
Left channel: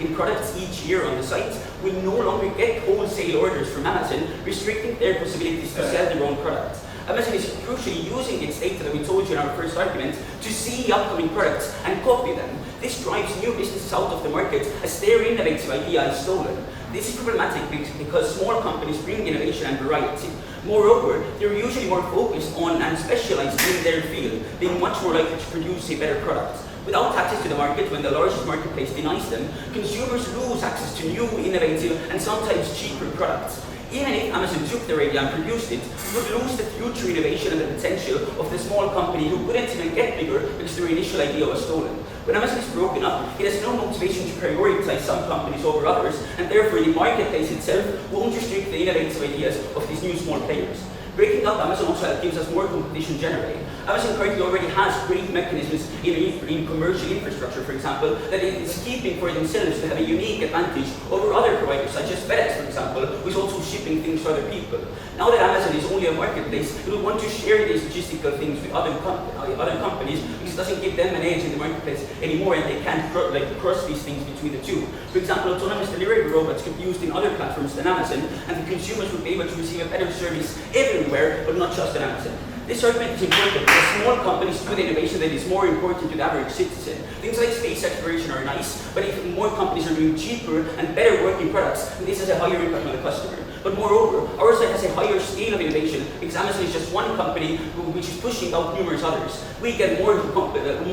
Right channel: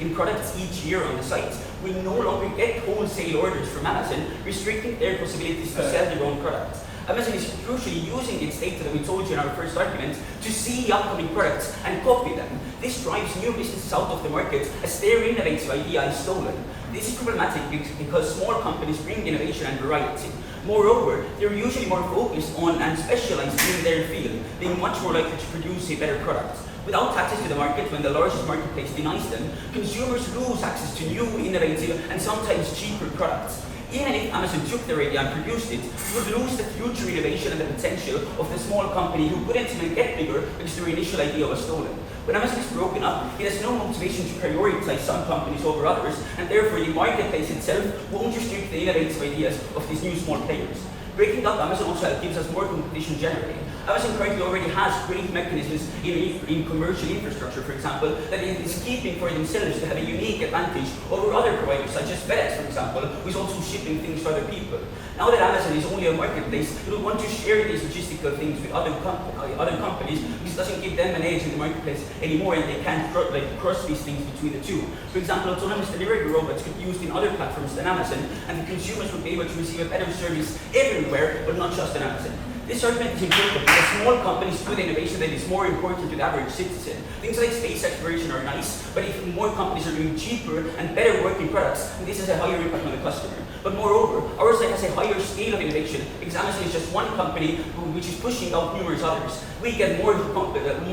in products each year on the site will no longer get wholesale orders from Amazon, restricting their possibilities to sell their own products. Amazon is crucially using its data that we told you in our first argument to see upcoming products and copy them. This drives new businesses out of the market as their innovative idea is stolen. This is problematic because small companies bring innovation and variety. Moreover, they're usually more focused on and specialized in their field, being much more likely to produce a better product. Without access to the market, when the largest marketplace denies them, consumers lose access to new, innovative, and sometimes cheaper products. Even if Amazon took their idea and produced it, it would lose the future innovation and the potential of the small company who couldn't even get bigger because their initial idea was stolen. When Amazon is broken up, it has no motivation to prioritize some companies over others, and therefore the marketplace itself won't restrict the innovative ideas of these new small players. Breaking up Amazon also gives us more competition generally. Amazon currently already has great mechanisms in commercial infrastructure, for example, that it is keeping for themselves to have a unique advantage over other providers, such as FedEx, for example, who is also shipping things to other people. Now that Amazon is only a marketplace, it will want to share these logistical things with other companies because it doesn't give them an edge in the marketplace anymore, and they can't cross these things between the two. For example, autonomous delivery robots could be used in other platforms than Amazon, and the consumers would be able to receive a better service everywhere, but not just on Amazon. This argument is important because small companies do the innovation that is more important to the average citizen. Things like space exploration are nice, but if more companies are doing cheaper and better working products, then this has a higher impact on the customer. But moreover, our site has a higher scale of innovation because Amazon is just one company which is pushing out numerous others. We get more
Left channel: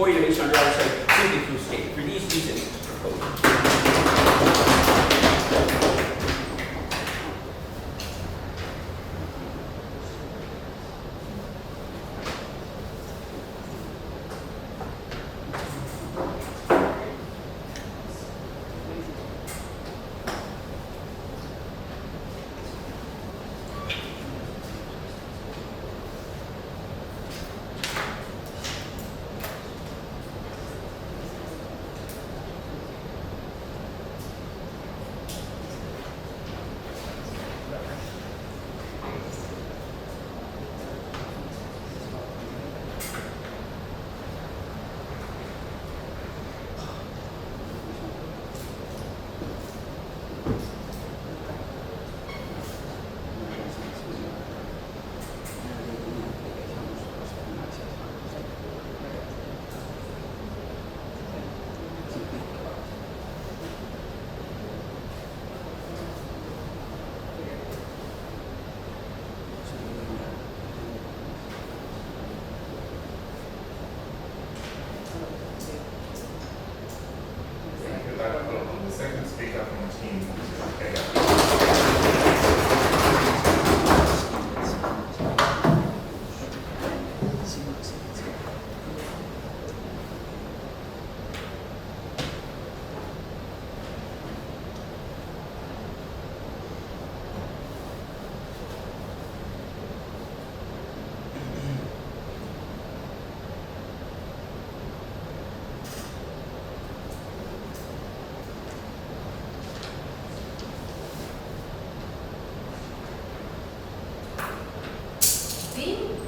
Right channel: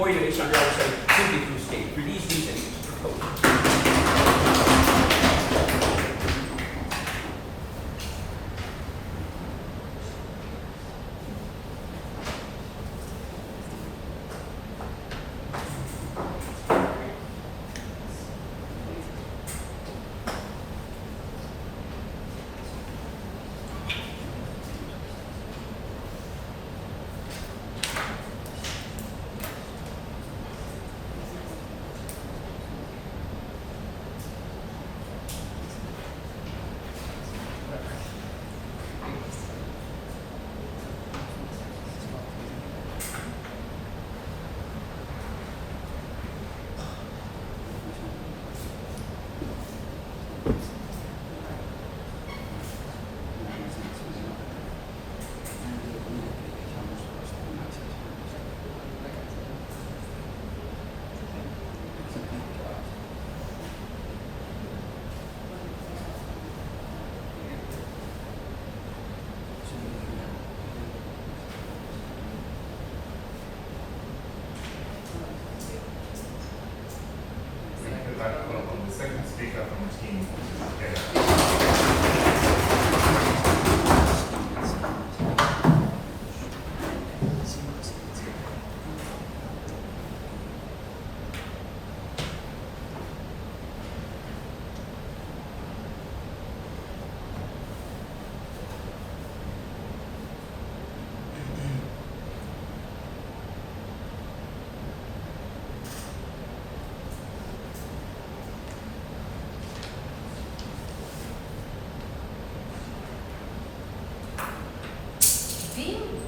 innovation on our side simply through scale. For these reasons, the second speaker from the team.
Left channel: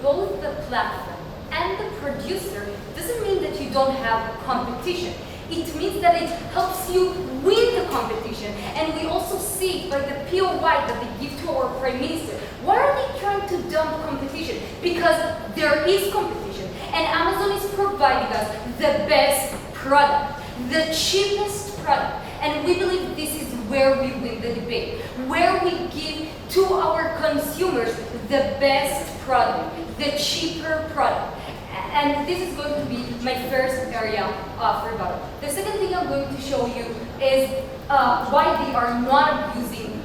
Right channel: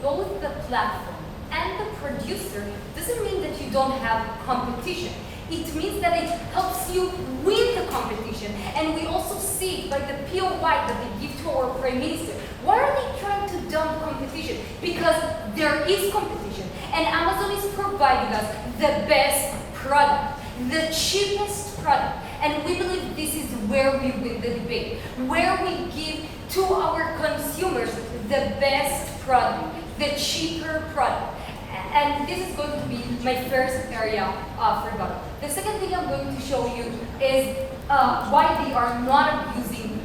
both the platform and the producer doesn't mean that you don't have competition. It means that it helps you win the competition. And we also see it by the POI that they give to our Prime Minister. Why are they trying to dump competition? Because there is competition. And Amazon is providing us the best product, the cheapest product. And we believe this is where we win the debate, where we give to our consumers the best product, the cheaper product. And this is going to be my first area of rebuttal. The second thing I'm going to show you is why they are not abusing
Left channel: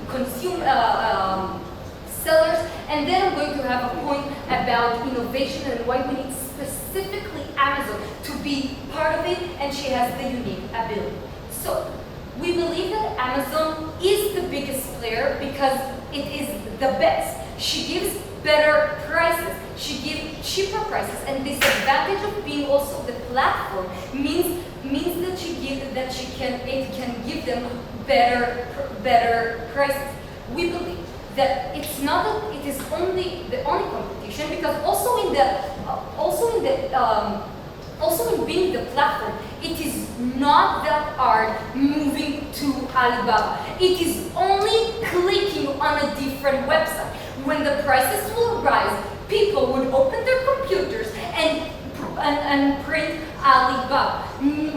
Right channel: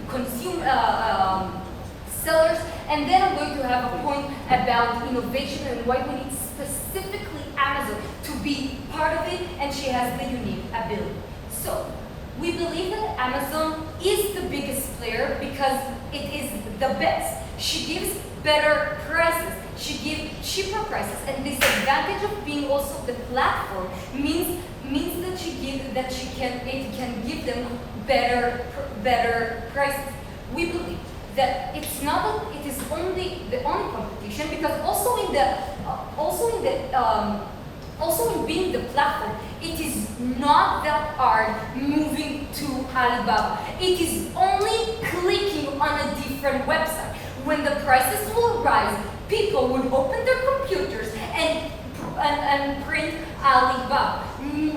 sellers. And then I'm going to have a point about innovation and why we need specifically Amazon to be part of it, and she has the unique ability. So, we believe that Amazon is the biggest player because it is the best. She gives better prices, she gives cheaper prices, and this advantage of being also the platform means that it can give them better prices. We believe that it's not that it is only the only competition, because also in being the platform, it is not that hard moving to Alibaba. It is only clicking on a different website. When the prices will rise, people would open their computers and print Alibaba.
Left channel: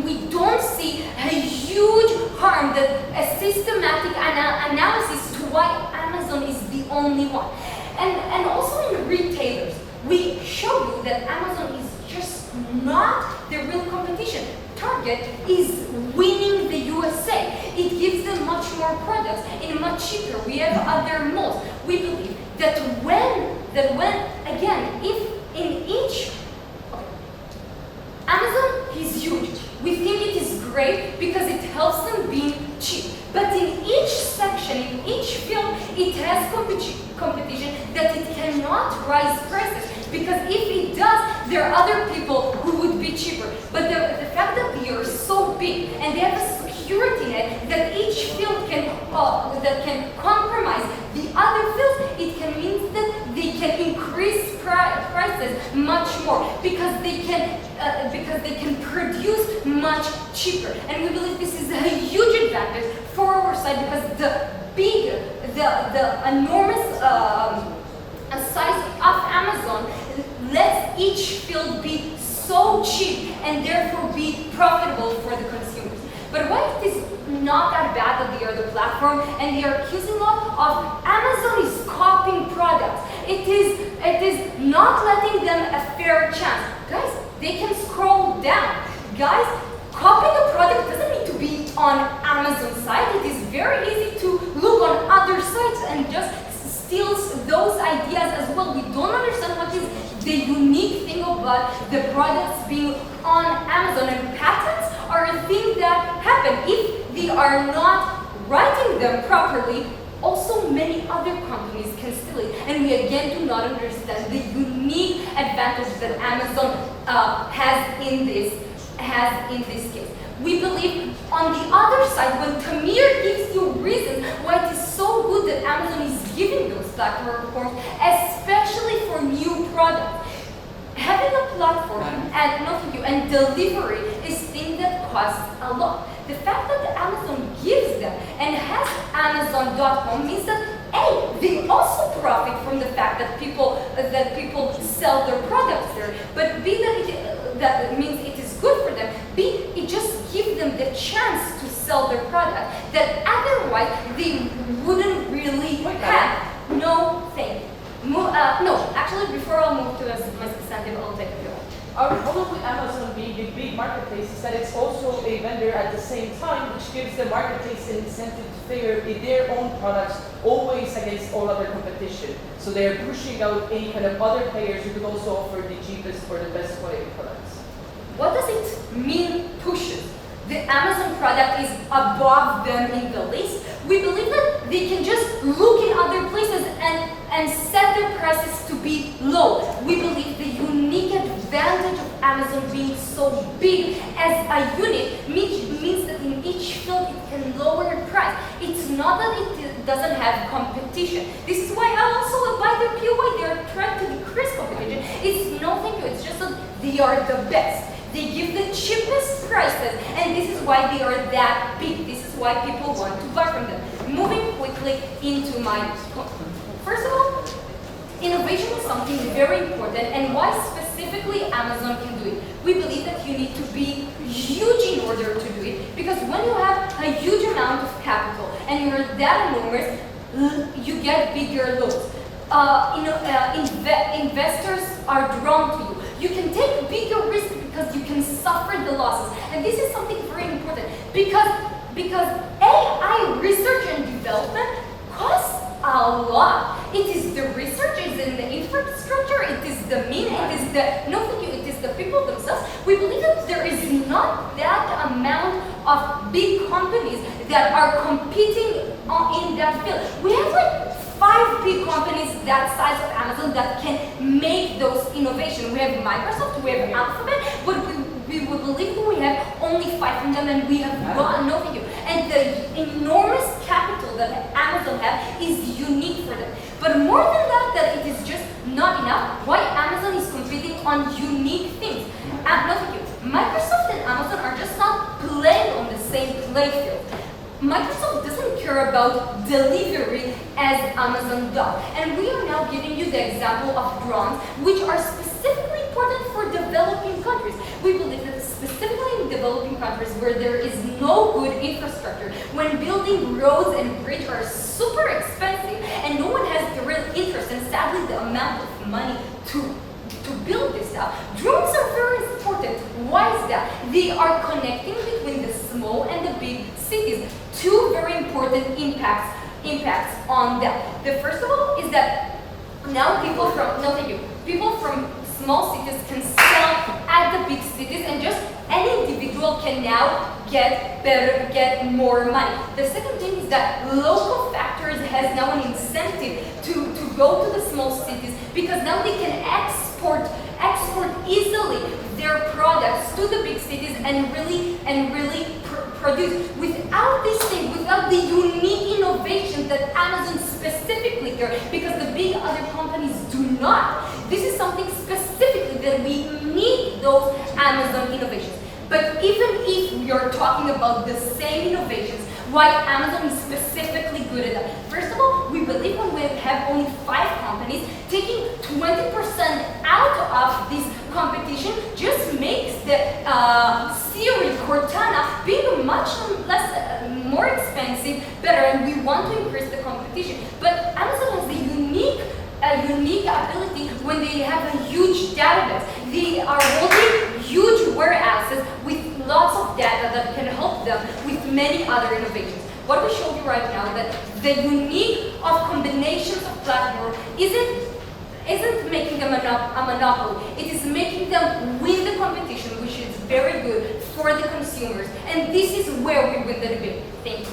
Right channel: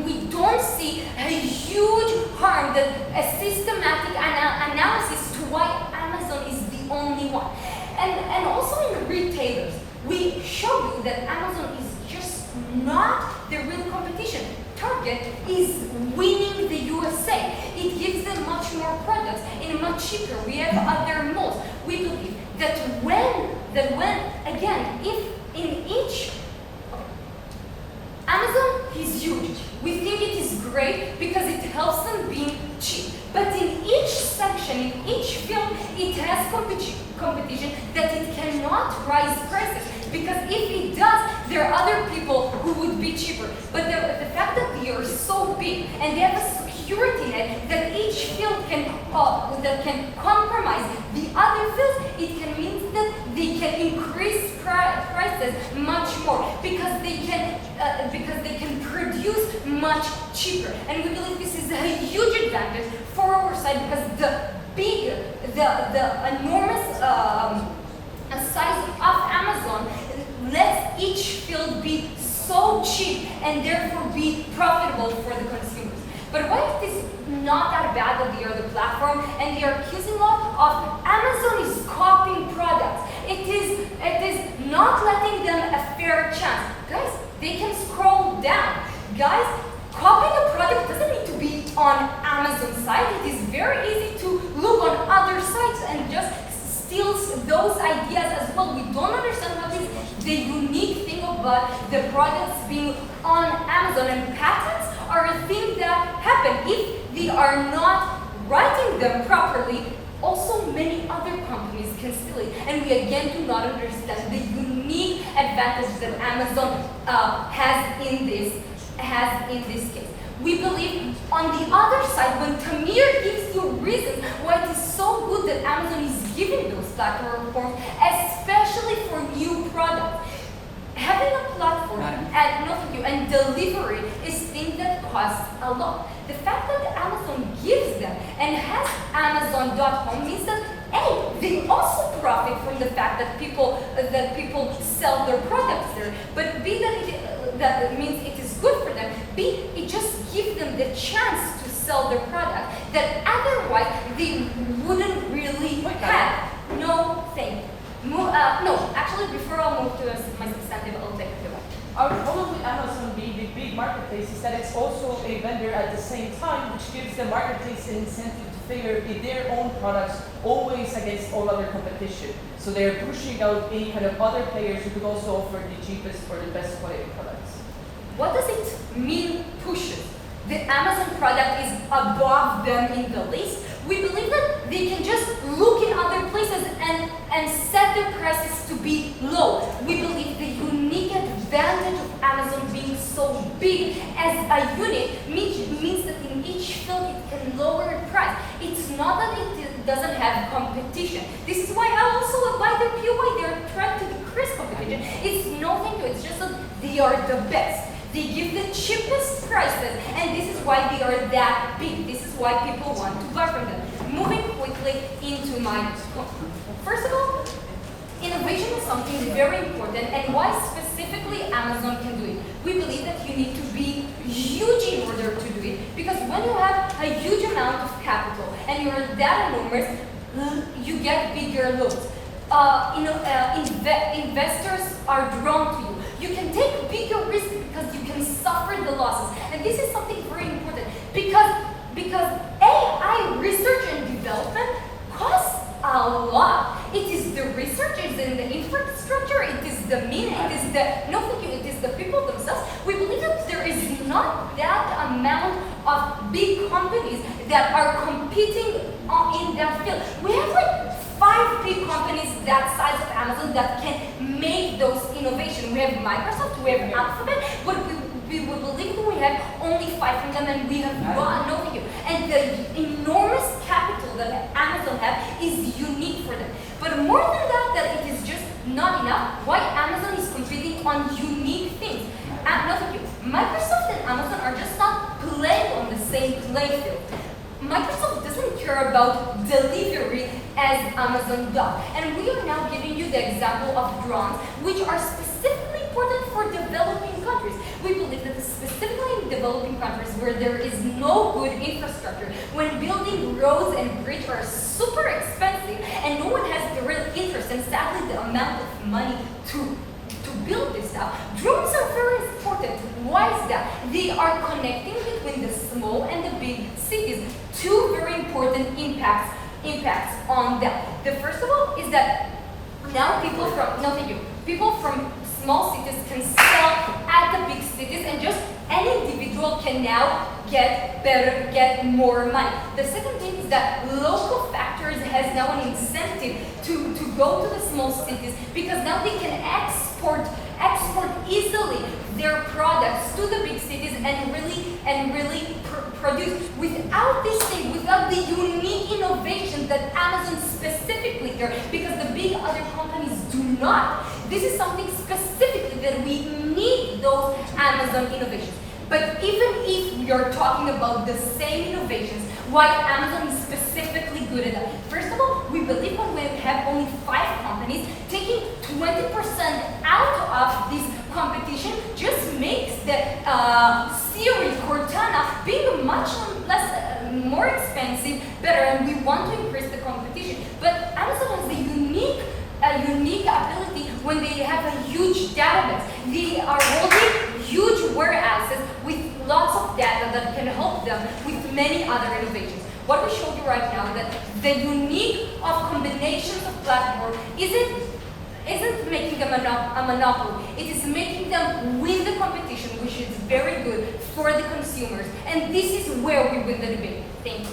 We don't see a huge harm, that a systematic analysis to why Amazon is the only one. And also in retailers, we show you that Amazon is just not the real competition. Target is winning the USA. It gives them much more products and much cheaper. We have other malls. We believe that if in each, Amazon is huge. We think it is great because it helps them being cheap. But in each section, in each field, it has competition that it cannot rise prices. Because if it does, there are other people who would be cheaper. But the fact that they are so big and they have a security net that each field can compromise the other fields, it can mean that they can increase prices much more because they can produce much cheaper. And we believe this is a huge advantage for our side, because the enormous size of Amazon lets each field be so cheap and therefore be profitable for the consumers. But why it is not that bad that they are the platform and they are accusing a lot of Amazon is copying products. It is not letting them a fair chance. Guys, they can scroll down. Guys, copying a product doesn't need to be on Amazon's site. It is very easy to look on other sites and just steals those ideas as well. We don't understand what is the unique thing about the products being on Amazon, and patents are a thing that happen. If they are not writing them properly, also many other companies can steal it. And we again do not understand the unique advantage that Amazon has in this case. We believe on the other side, when Tamir gives you reasons why it is so good that Amazon is giving those platform reforms, especially for new products. Having a platform and delivery is thing that costs a lot. The fact that Amazon gives them and has Amazon.com means that A, they also profit from the fact that people sell their products there. But B, that means it is good for them. B, it just gives them the chance to sell their product that otherwise they wouldn't really have. No, thank you. No, actually, before I'll move to my substantive, I'll take a few. Our problem with Amazon being a big marketplace is that it's also a vendor at the same time, which gives the marketplace an incentive to figure their own products always against all other competition. So they're pushing out any kind of other players who could also offer the cheapest or the best quality products. What does it mean, pushes? The Amazon product is above them in the list. We believe that they can just look in other places and set their prices to be low. We believe the unique advantage of Amazon being so big as a unit means that in each field it can lower the price. It's not that doesn't have competition. This is why I also by the POI they are trying to decrease competition. It's no thank you. It's just that they are the best. They give the cheapest prices, and this is why they are that big. This is why people want to buy from them. Moving quickly into my. First of all, innovation is something very important, and why specifically Amazon can do it. We believe that you need to be huge in order to do it, because when you have a huge amount of capital and you're that enormous, you get bigger loans. Investors are drawn to you. You can take bigger risks because you can suffer the losses, and this is something very important because AI research and development costs a lot. It is the research, it is in the infrastructure, it is the mean, it is the no thank you, it is the people themselves. We believe that there is not that amount of big companies that are competing in that field. We have like 5 big companies that size of Amazon that can make those innovations. We have Microsoft, we have Alphabet, but we believe that we have only 5 of them, and we have no thank you. And the enormous capital that Amazon have is unique for them. But more than that, that it is just not enough. Why Amazon is competing on unique things? No thank you. Microsoft and Amazon are just not playing on the same playing field. Microsoft doesn't care about delivery as Amazon does. And we are now giving you the example of drones, which are specifically important for developing countries. We believe that specifically in developing countries where there is no good infrastructure, when building roads and bridges are super expensive and no one has the real interest and sadly the amount of money to build this stuff, drones are very important. Why is that? They are connecting between the small and the big cities. 2 very important impacts on that. The first of all is that now people from small cities can sell at the big cities, and just any individual can now get more money. The second thing is that local factories has now an incentive to go to the small cities, because now they can export easily their products to the big cities and really produce. Without this thing, without the unique innovation that Amazon specifically does, because the big other companies do not. This is something specifically that we need those Amazon innovations. But even if we are talking about the same innovations, why Amazon is specifically good at that? First of all, we believe when we have only 5 companies, taking 20% out of this competition just makes the Siri, Cortana being much more expensive, better, and we want to increase the competition. But Amazon has a unique ability when they have a huge database. They are holding huge warehouses with lots of data that can help them with many other innovations. What we showed you right now, that the unique of combinations of platforms isn't making them a monopoly. It is making them win the competition, which is very good for the consumers. And this is where we win the debate. Thank you.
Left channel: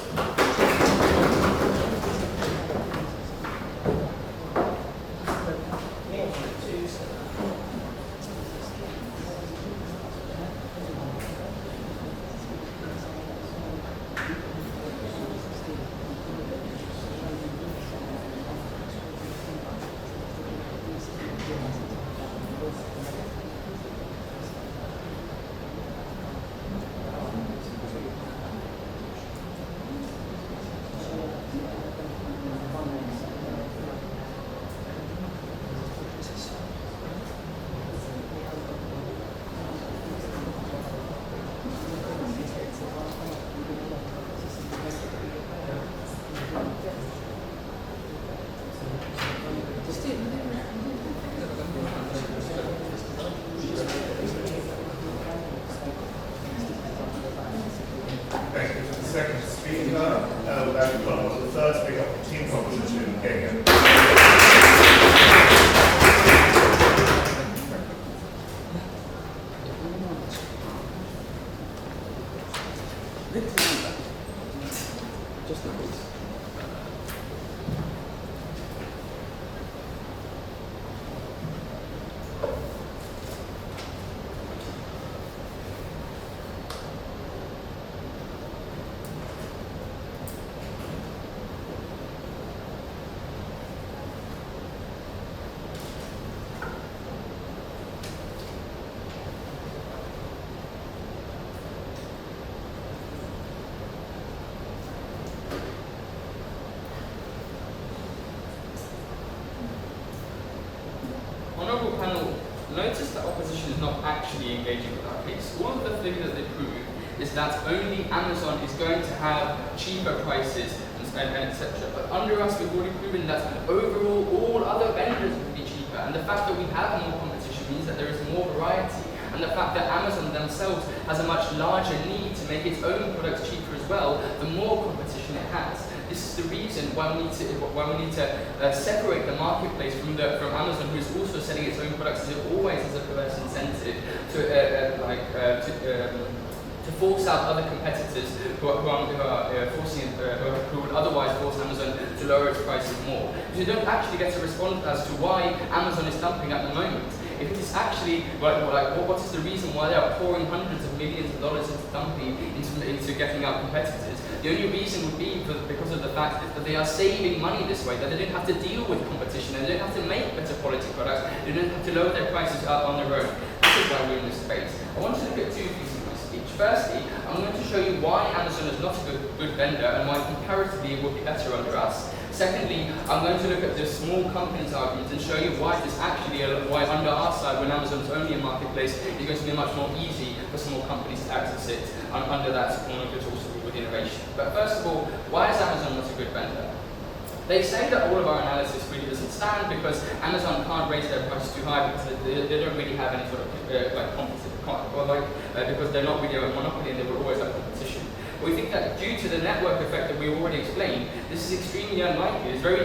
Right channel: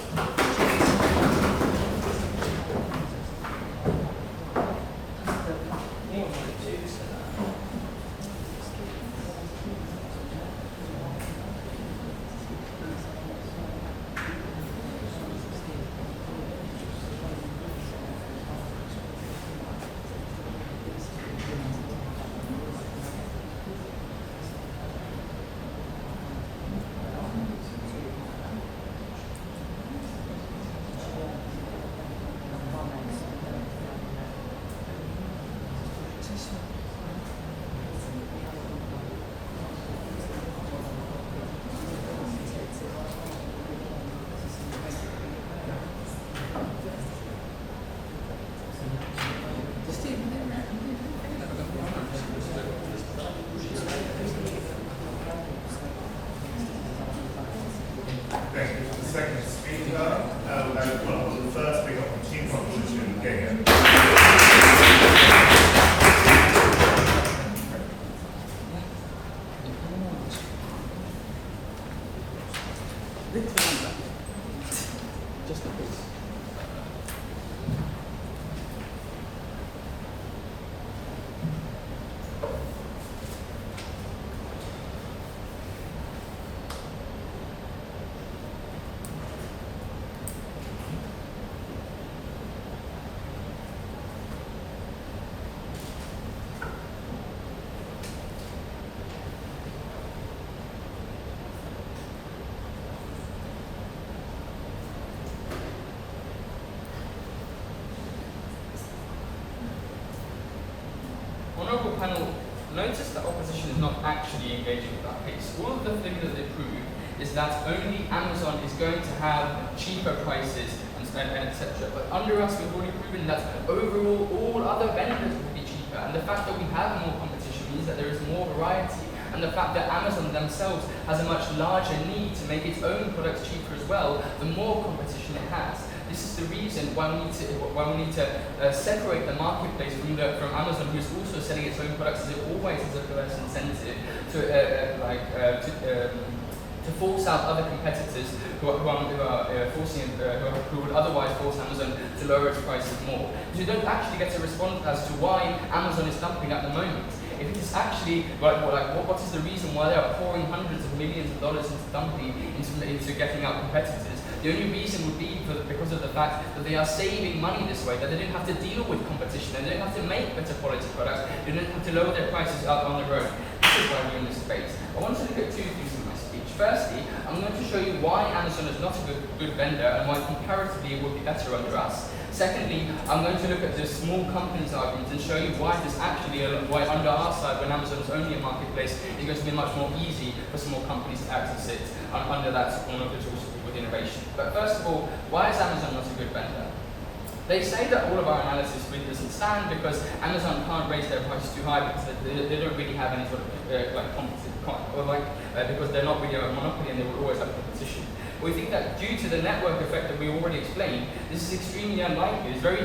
notice that opposition is not actually engaging with that case. All of the things that they prove is that only Amazon is going to have cheaper prices and etc. But under us, we've already proven that overall, all other vendors will be cheaper. And the fact that we have more competition means that there is more variety. And the fact that Amazon themselves has a much larger need to make its own products cheaper as well, the more competition it has. This is the reason why we need to separate the marketplace from Amazon, who is also selling its own products, as it always has a perverse incentive to force out other competitors who would otherwise force Amazon to lower its prices more. Because you don't actually get a response as to why Amazon is dumping at the moment. If it is actually, what is the reason why they are pouring hundreds of millions of dollars into dumping, into getting out competitors? The only reason would be because of the fact that they are saving money this way, that they didn't have to deal with competition, and they didn't have to make better quality products, they didn't have to lower their prices out on their own. This is why we're in this debate. I want to look at two things in my speech. Firstly, I'm going to show you why Amazon is not a good vendor and why comparatively it would be better under us. Secondly, I'm going to look at the small companies argument and show you why this actually, why under our side, when Amazon is only a marketplace, it's going to be much more easy for small companies to access it under that with innovation. But first of all, why is Amazon not a good vendor? They say that all of our analysis really doesn't stand because Amazon can't raise their prices too high because they don't really have any sort of because they're not really a monopoly and they will always have competition. We think that due to the network effect that we already explained, this is extremely unlikely. It's very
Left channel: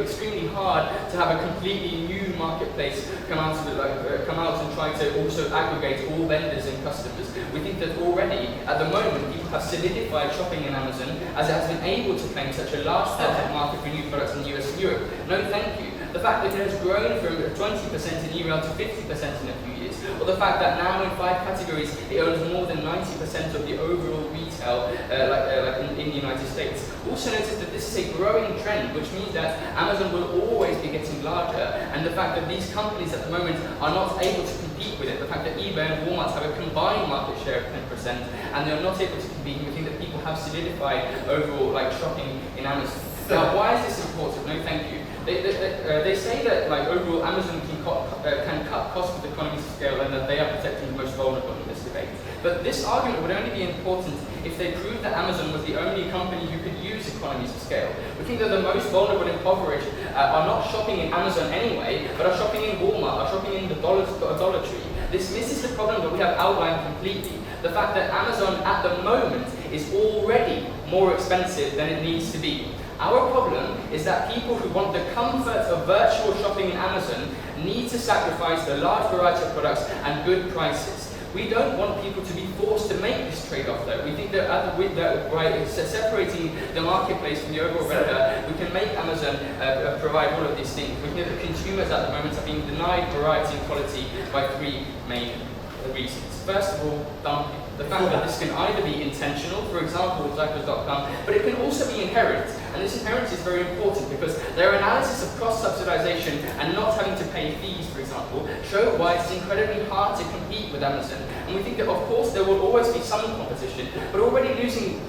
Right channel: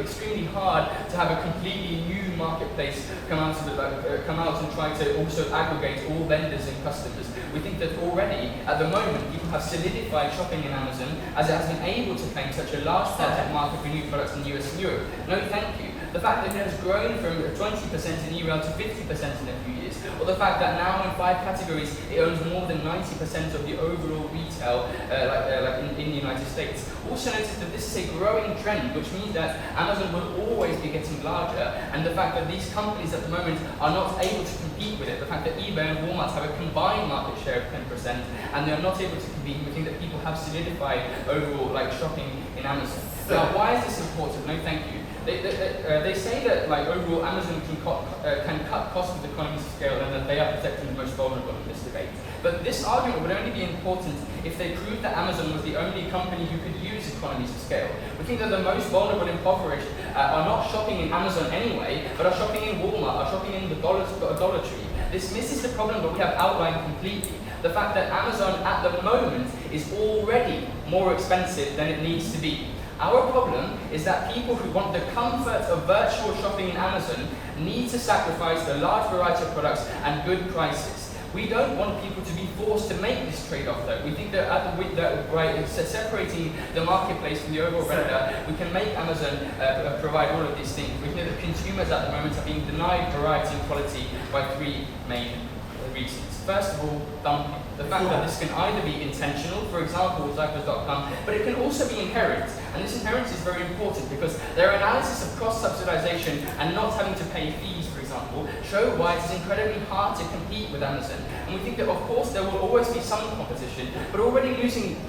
extremely hard to have a completely new marketplace come out and try to also aggregate all vendors and customers. We think that already, at the moment, people have solidified shopping in Amazon as it has been able to claim such a large part of the market for new products in the US and Europe. No, thank you. The fact that it has grown from 20% in email to 50% in a few years, or the fact that now in 5 categories it owns more than 90% of the overall retail in the United States. Also notice that this is a growing trend, which means that Amazon will always be getting larger, and the fact that these companies at the moment are not able to compete with it, the fact that eBay and Walmart have a combined market share of 10%, and they are not able to compete, we think that people have solidified overall shopping in Amazon. Now, why is this important? No, thank you. They say that overall Amazon can cut costs with economies of scale and that they are protecting the most vulnerable in this debate. But this argument would only be important if they proved that Amazon was the only company who could use economies of scale. We think that the most vulnerable and impoverished are not shopping in Amazon anyway, but are shopping in Walmart, are shopping in the Dollar Tree. This misses the problem that we have outlined completely. The fact that Amazon at the moment is already more expensive than it needs to be. Our problem is that people who want the comfort of virtual shopping in Amazon need to sacrifice the large variety of products and good prices. We don't want people to be forced to make this trade-off though. We think that separating the marketplace from the overall vendor, we can make Amazon provide all of these things. We know that consumers at the moment are being denied variety and quality by 3 main reasons. First of all, dumping. The fact that this can either be intentional, for example with Cycles.com, but it can also be inherent. And this inheritance is very important because their analysis of cross-subsidization and not having to pay fees, for example, show why it's incredibly hard to compete with Amazon. And we think that, of course, there will always be some competition, but already losing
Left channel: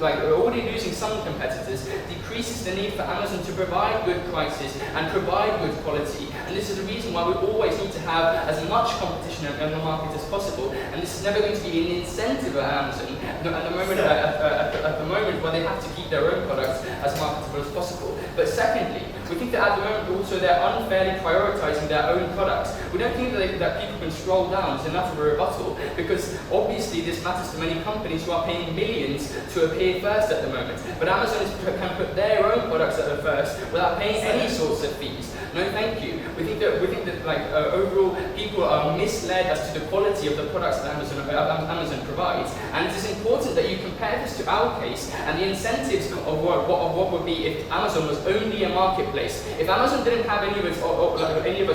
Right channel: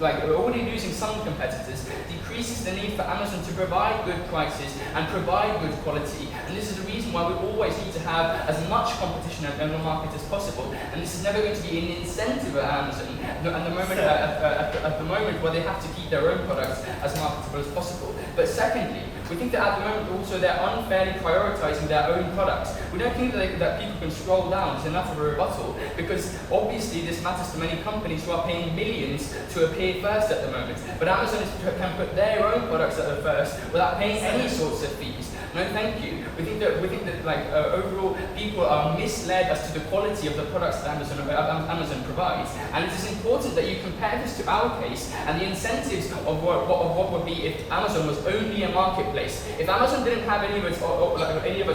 some competitors decreases the need for Amazon to provide good prices and provide good quality. And this is the reason why we always need to have as much competition in the market as possible. And this is never going to be an incentive at Amazon at the moment where they have to keep their own products as marketable as possible. But secondly, we think that at the moment also they're unfairly prioritizing their own products. We don't think that people can scroll down is enough of a rebuttal, because obviously this matters to many companies who are paying millions to appear first at the moment. But Amazon can put their own products at the first without paying any sorts of fees. No, thank you. We think that overall people are misled as to the quality of the products that Amazon provides, and it is important that you compare this to our case and the incentives of what would be if Amazon was only a marketplace. If Amazon didn't have any of its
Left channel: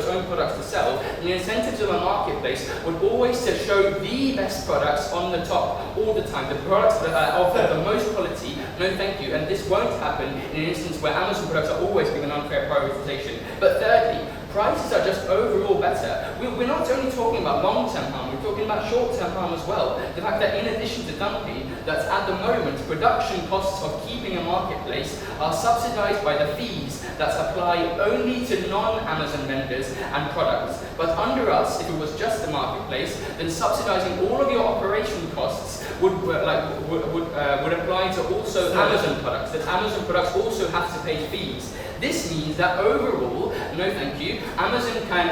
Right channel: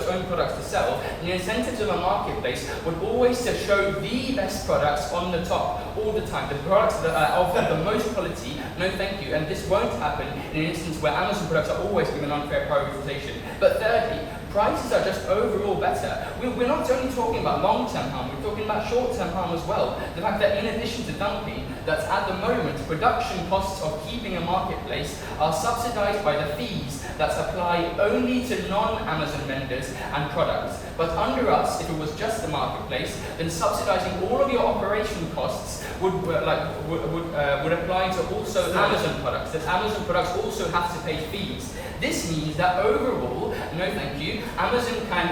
own products to sell, the incentives of a marketplace would always to show the best products on the top all the time, the products that are of the most quality. No, thank you. And this won't happen in an instance where Amazon products are always given unfair privatization. But thirdly, prices are just overall better. We're not only talking about long-term harm, we're talking about short-term harm as well. The fact that in addition to dumping, that at the moment, production costs of keeping a marketplace are subsidized by the fees that apply only to non-Amazon vendors and products. But under us, if it was just the marketplace, then subsidizing all of your operation costs would apply to also Amazon products. That Amazon products also have to pay fees. This means that overall, no thank you, Amazon can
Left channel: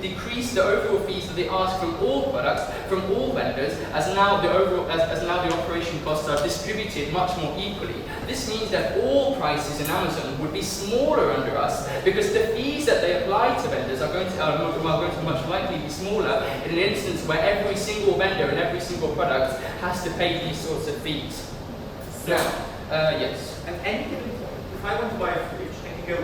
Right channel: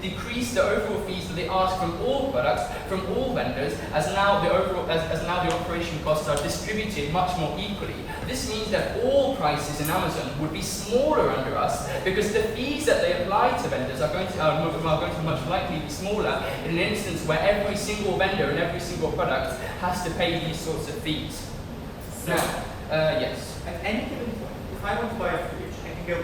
decrease the overall fees that they ask from all products, from all vendors, as now the operation costs are distributed much more equally. This means that all prices in Amazon would be smaller under us because the fees that they apply to vendors are going to much likely be smaller in an instance where every single vendor and every single product has to pay these sorts of fees. Now, yes. At any given point, if I want to buy a fridge, I can go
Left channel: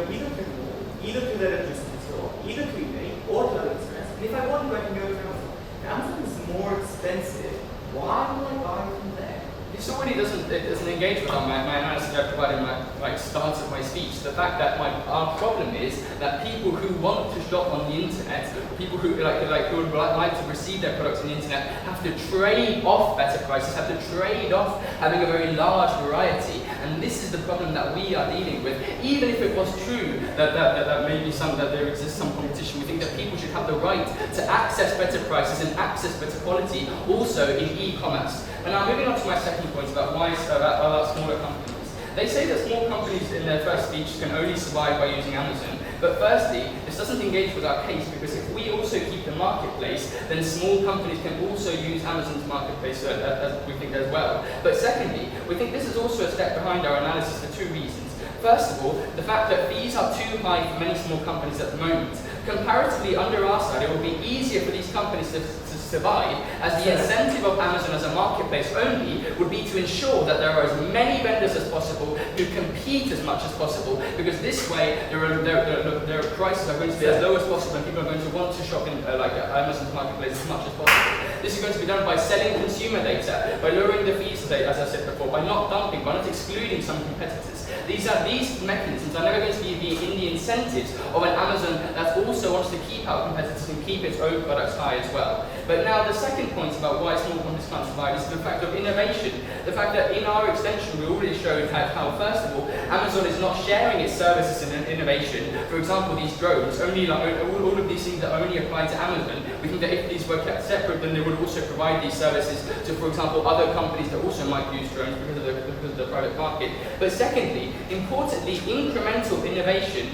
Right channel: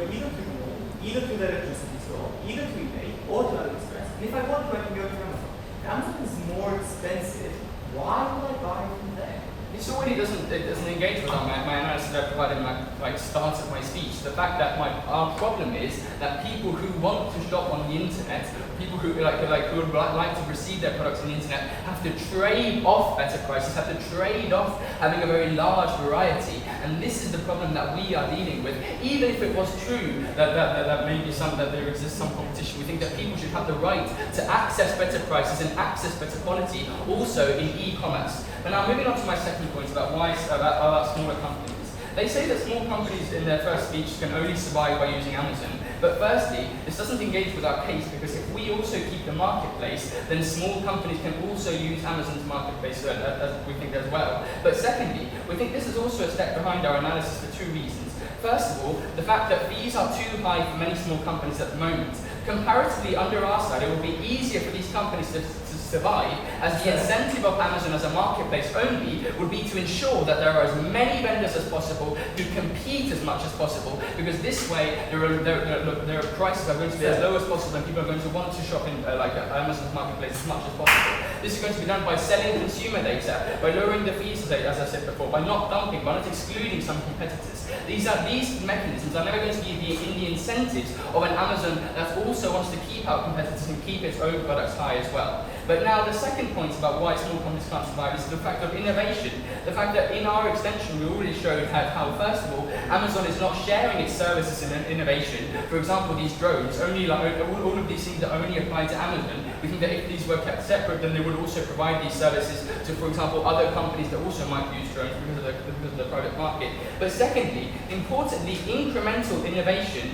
either to the electricity store, either to eBay, or to AliExpress. And if I want to, I can go to Amazon. If Amazon is more expensive, why will I buy from there? This already doesn't engage with my analysis that I provided in my start of my speech. The fact that our problem is that people who want to shop on the internet, people who who would like to receive their products on the internet, have to trade off better prices, have to trade off having a very large variety, and this is the problem that we are dealing with. Even if it was true that maybe there exists some competition, we think that people should have the right to access better prices and access better quality also in e-commerce. But now moving on to my second point about smaller companies. They say that small companies in their first speech can only survive by using Amazon. But firstly, this doesn't engage with our case because if we also keep the marketplace, then small companies can also use Amazon's marketplace as we think as well. But secondly, we think this is also a step behind our analysis for two reasons. First of all, the fact that fees are too high for many small companies at the moment. Comparatively, under our side, it would be easier for these companies to survive, as the incentive of Amazon as a marketplace only would be to ensure that there are as many vendors as possible who compete as much as possible, because this way their prices are going to be as low as possible and people are going to want to shop in Amazon's marketplace as much as possible. This is going to be done by selling consumer data, by lowering the fees, as I said before, by not dumping, by not excluding some competitors. These mechanisms are never going to be in the incentives of an Amazon that also wants to keep out competitors and keep its own products high as well. But now the second point about why small companies can't survive is the fact of innovation. The fact that in our extension we already showed how first of all, Amazon is not sharing its services in innovation. For example, these drones, all of these things that only apply to Amazon. We think that if these were kept separate, then they would also provide these services to, for example, other companies that also might use drones because of the private market. But secondly, importantly, incremental innovation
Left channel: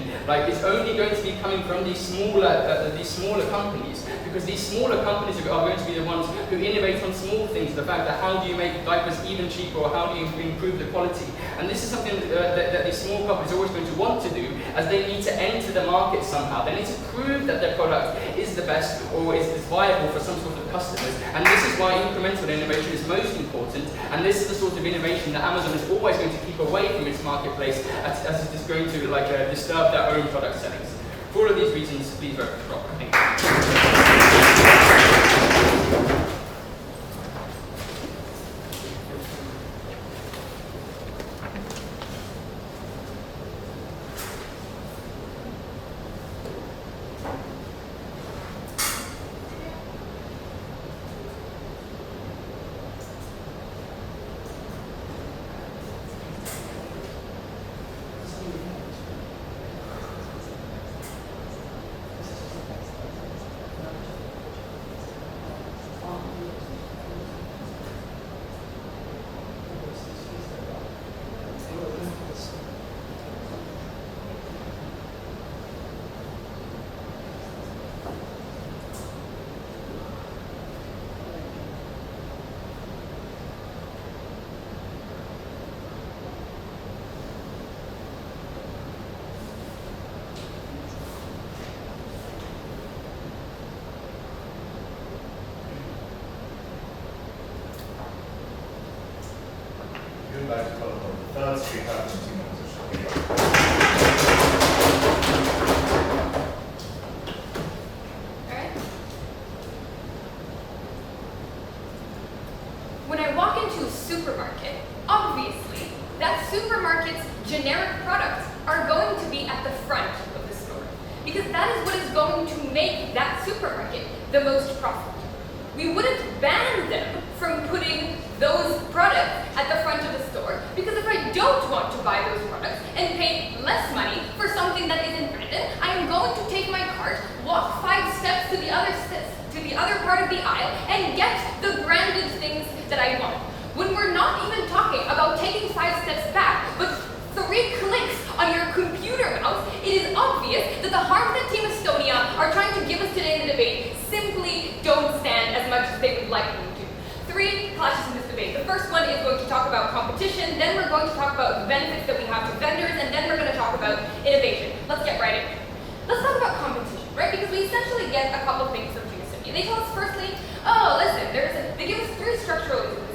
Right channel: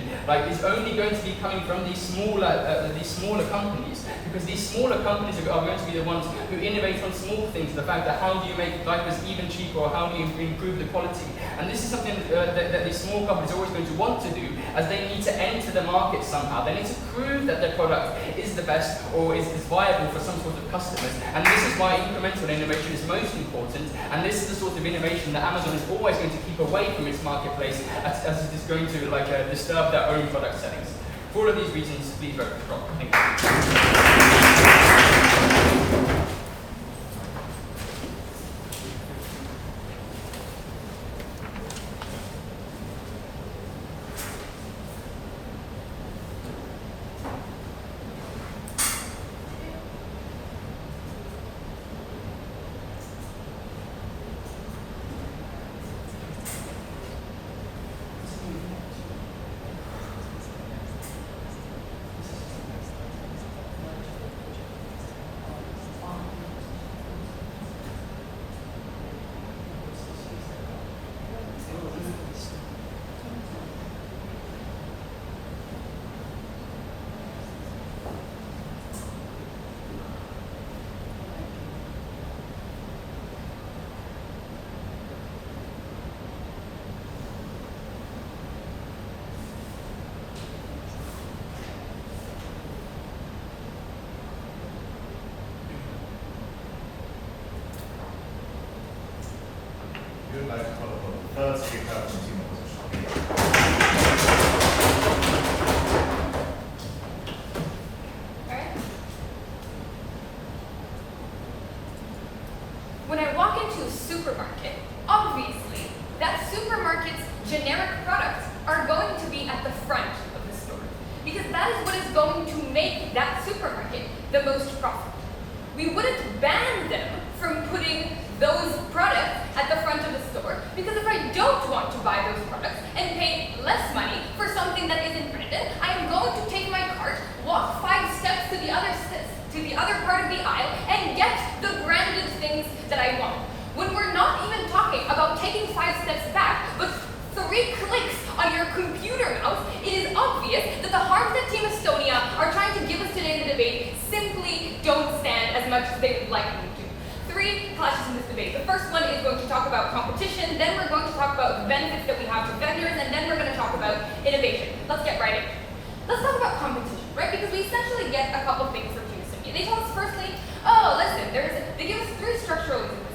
is only going to be coming from these smaller companies, because these smaller companies are going to be the ones who innovate on small things. The fact that how do you make diapers even cheaper, or how do you improve the quality? And this is something that these small companies are always going to want to do, as they need to enter the market somehow. They need to prove that their product is the best or is viable for some sort of customers. And this is why incremental innovation is most important. And this is the sort of innovation that Amazon is always going to keep away from its marketplace, as it is going to disturb their own product settings. For all of these reasons, please vote for Rob. Thank you. You'd like to call the third speaker, consumer position. When I walk into a supermarket, obviously, that supermarket's generic products are going to be at the front of the store, because that is what is going to make that supermarket the most profitable. We wouldn't ban them from putting those products at the front of the store, because if I don't want to buy those products and pay less money for something that isn't branded, I am going to take my cart, walk 5 steps to the other part of the aisle, and get the branded things that I want. When we're not even talking about taking 5 steps back, but 3 clicks on your computer mouse, it is obvious that the harms that Team Estonia are trying to give us today in the debate simply don't stand as much as they would like them to. 3 clashes in this debate. The first one is going to talk about competition, then we're going to talk about the benefits that we have to vendors, and then we're going to talk about innovation. Let's get right in. Let's talk about competition, right? Because we essentially get a couple things from Team Estonia. They tell us firstly, oh, listen, they give us 3 structural reasons.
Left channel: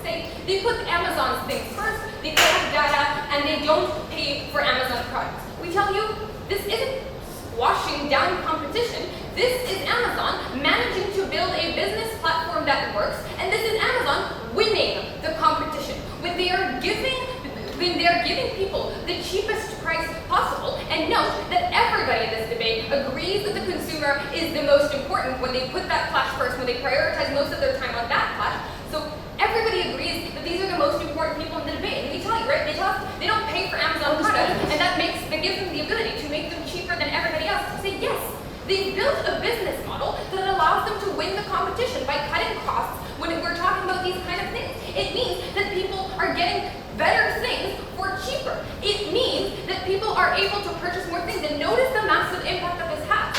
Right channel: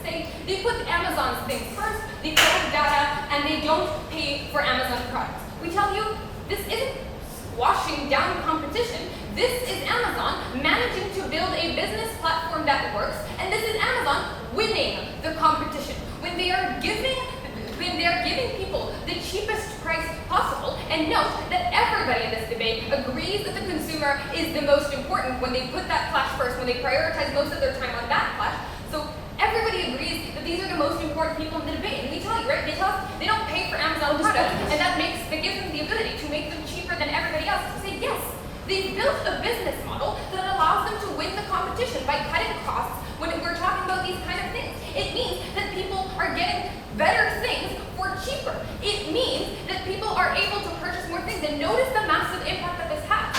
They put Amazon's things first, they collect data, and they don't pay for Amazon products. We tell you, this isn't squashing down competition. This is Amazon managing to build a business platform that works, and this is Amazon winning the competition. When they are giving people the cheapest price possible, and note that everybody in this debate agrees that the consumer is the most important when they put that clash first, when they prioritize most of their time on that clash. So everybody agrees that these are the most important people in the debate. And we tell you, right? They tell us they don't pay for Amazon products, and that gives them the ability to make them cheaper than everybody else. To say, yes, they've built a business model that allows them to win the competition by cutting costs when we're talking about these kind of things. It means that people are getting better things for cheaper. It means that people are able to purchase more things. And notice the massive impact that this has.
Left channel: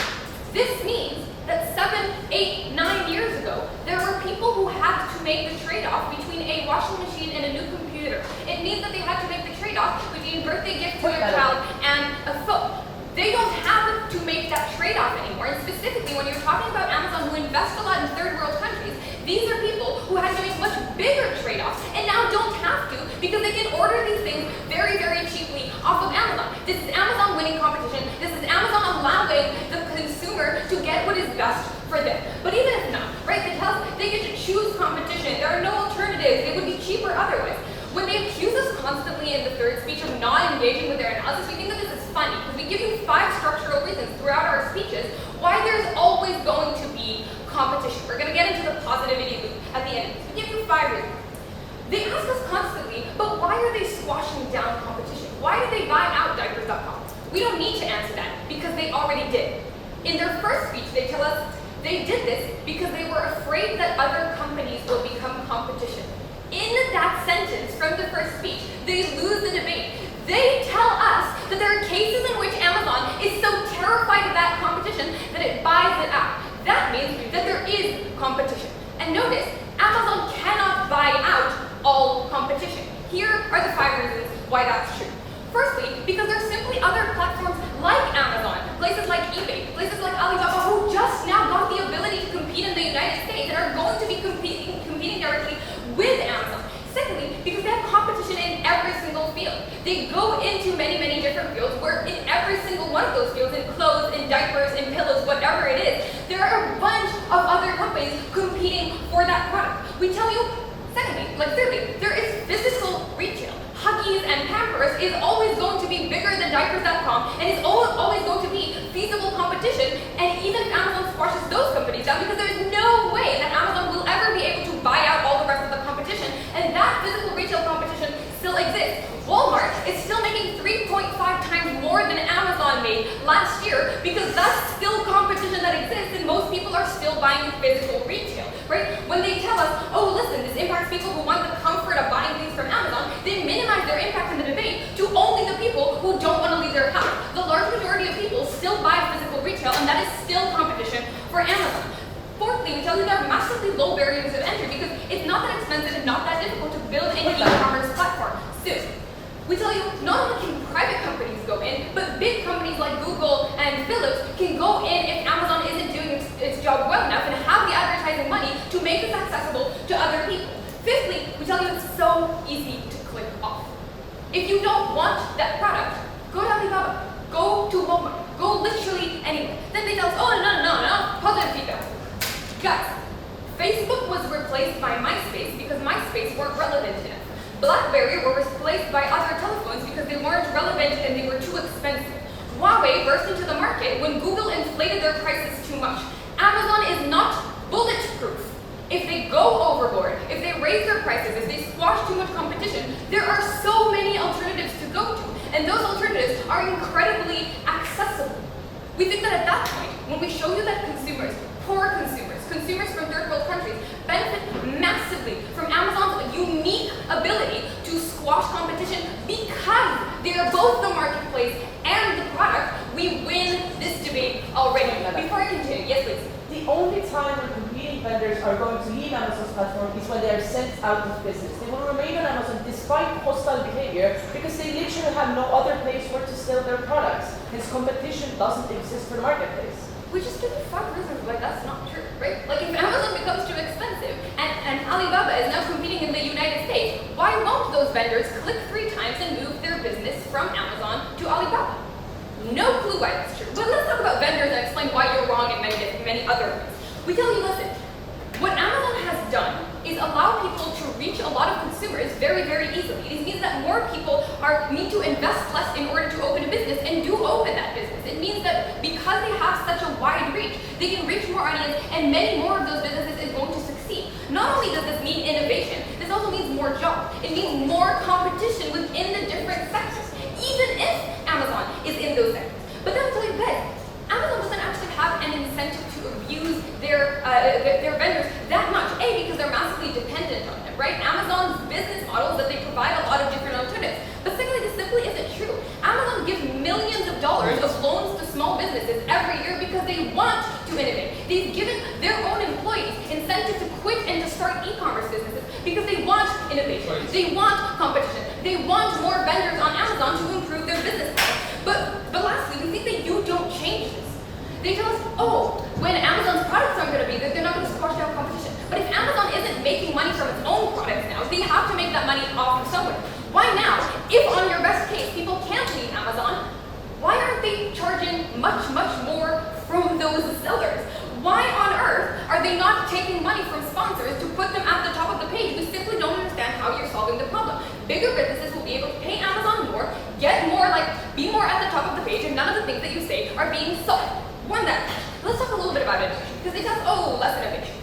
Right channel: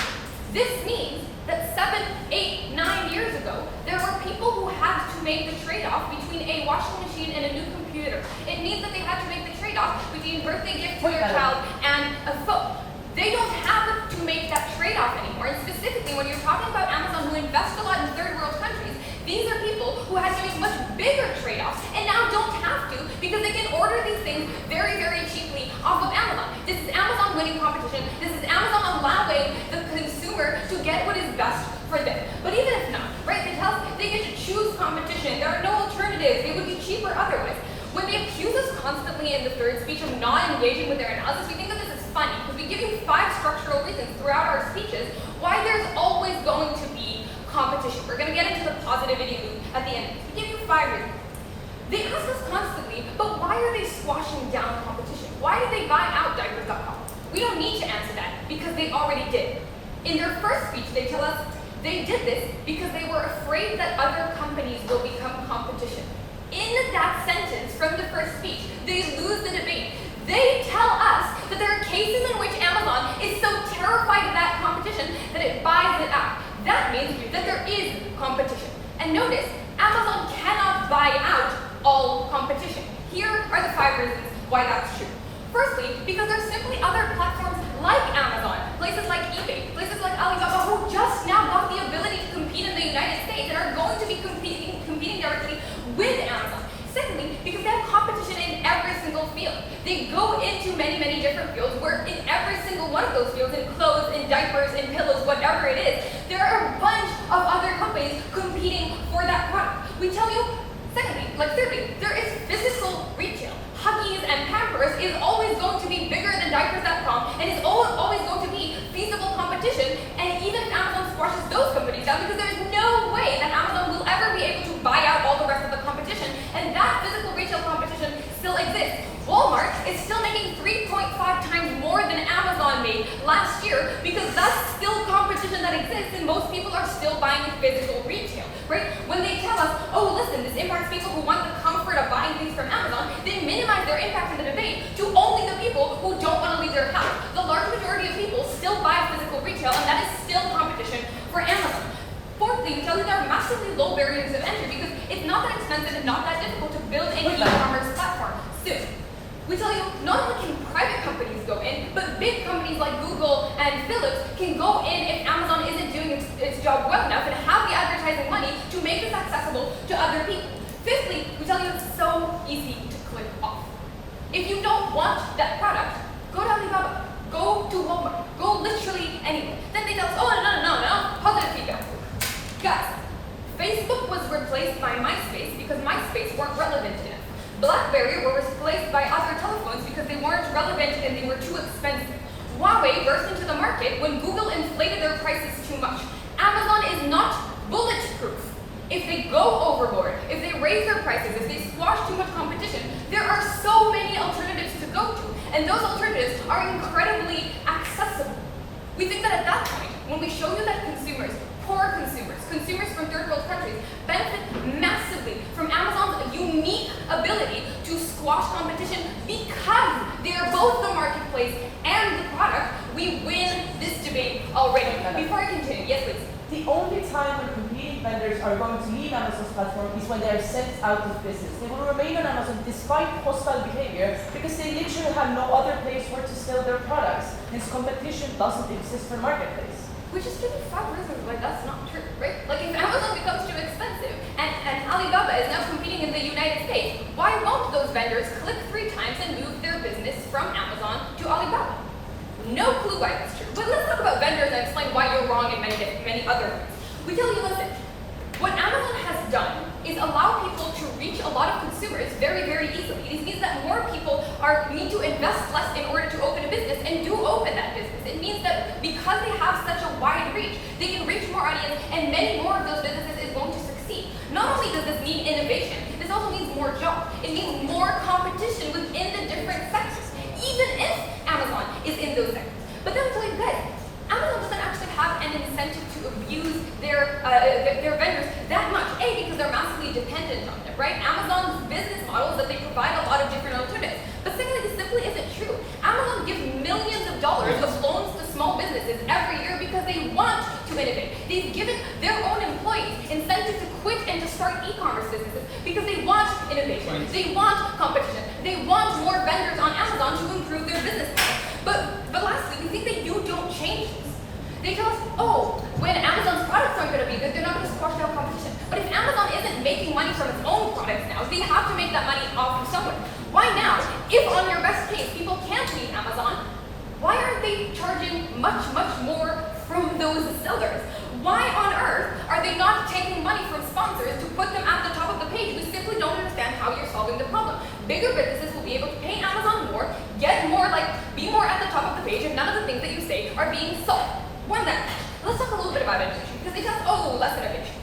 This means that 7, 8, 9 years ago, there were people who had to make the trade-off between a washing machine and a new computer. It means that they had to make the trade-off between a birthday gift to their child and a phone. They don't have to make that trade-off anymore. And specifically, when you're talking about Amazon, who invest a lot in third world countries, these are people who had to make much bigger trade-offs and now don't have to because they can order these things very, very cheaply off of Amazon. This is Amazon winning competition. This is Amazon allowing the consumer to get what is best for them. But even if not, right, they get to choose competition. There are no alternatives. They would be cheaper otherwise. When they accuse us constantly in the third speech of not engaging with their analysis, we think that this is funny because we give you 5 structural reasons throughout our speeches why there's always going to be competition. We're going to get into the positivity loop at the end of this. We give you 5 reasons. They ask us constantly, but why are they squashing down competition? Why did they buy out diapers.com? We don't need to answer that because they already did. In their first speech, they tell us they did this because they were afraid that other companies will become competition. In that sentence from the first speech, they lose the debate. They tell us that there are cases in which Amazon is so terrified of that competition that it buys it out. That means that there is competition. And notice, Amazon cannot buy out all competition. Here are the 5 reasons why that's true. Firstly, because there's simply other platforms like Amazon, places like eBay, places like Alibaba, who just now got the ability to compete in the United States and are going to be competing directly with Amazon. Secondly, because they have competition in every single field. They go into many, many different fields where in every single one of those fields, in clothes, in diapers, in pillows, whatever it is, there are a bunch of other companies competing for that product. We tell you, thirdly, there is physical retail. Huggies and Pampers is always going to be bigger than diapers.com and is always going to be feasible competition. And even if Amazon squashes those companies down, because there is no way that Amazon will ever be able to buy out all the rest of the competition, and that physical retail competition still exists. Walmart is still making 3.5 times more than Amazon made last year because that's still competition that exists and most people are still buying physical retail, right? When they tell us, oh listen, this impacts people who want the comfort of buying things from Amazon, they minimize their impact in the debate to only the people who don't want to leave their house. The large majority of people still buy physical retail and that is still competition for Amazon. Fourthly, we tell you there are massively low barriers of entry because it's not that expensive and not that difficult to build an e-commerce platform. Soon. We tell you, not only can private companies go in, but big companies like Google and Philips can go in if Amazon isn't doing its job well enough and have the advertising money to make this accessible to other people. Fifthly, we tell you it's so easy to click off. If you don't want that product, go to Alibaba, go to Walmart, go literally anywhere. Then they tell us, oh no, positive feedback. Guys, Facebook was replaced by MySpace because MySpace weren't relevant enough. BlackBerry were replaced by other telephones because they weren't relevant and they were too expensive. Huawei burst into the market when Google inflated their prices too much. Amazon is not bulletproof. If they go overboard, if they raise their prices, if they squash too much competition, there are so many alternatives to go to, and those alternatives are incredibly accessible. We think that at that point, when we show you that consumers, poor consumers, consumers from third world countries, benefit massively from Amazon's unique ability to squash competition because they are both the marketplace and the product, we win this debate already. Before I continue, yes please. The only time when competing vendors are going to leave Amazon's platform is when they are sent out of business. They will remain on Amazon despite hostile behavior because they literally have no other place where to sell their products. This competition doesn't exist for marketplace. Which is really far reasons why that's not true, right? Like if Amazon becomes too expensive and Alibaba is now competing in the United States, why won't those vendors click 3 times and move their business from Amazon to Alibaba? No clue why that's true. But let's talk about vendors and explain why you're wrong in many other ways. We tell you, listen, what Amazon has done is allow people to reach a lot of consumers very, very easily. It means that more people need to invest less in order to open a business and do open that business. It means that because they have such a wide reach, they can reach more audience and many more of those businesses is going to succeed. Not only does this mean innovation, this also means more jobs. It means more competition within the different sectors, even if Amazon is in those sectors. But then I'll tell you guys, Amazon doesn't actually have an incentive to abuse their vendors that much. A, because they're massively dependent on them, right? Amazon's business model is that they provide a lot of different alternatives. But secondly, this simply isn't true. Amazon gives millions of dollars of loans to small businesses every year because they want to innovate. They've given their own employees incentive to quit and to start e-commerce businesses because they want innovation. They want competition. They want more vendors on Amazon to improve their business model. But lastly, we think that you don't change this. They tell us, oh, when Amazon's products aren't going to be good, they're not going to squash down competition. But if Amazon isn't making money from its own products now, they have to make that money off of somewhere. Why now? If on your best case, people can't leave Amazon, why aren't they charging much, much more from those sellers? Why on earth are they not taking money from sponsors to put them at the top of the page? We simply don't understand how you're solving the problem. Bigger businesses will be able to pay Amazon more, get more, be more at the top of the page, and none of the things that you say are being sought. More than that, let's talk a little bit about innovation, because they tell us, oh, less innovation.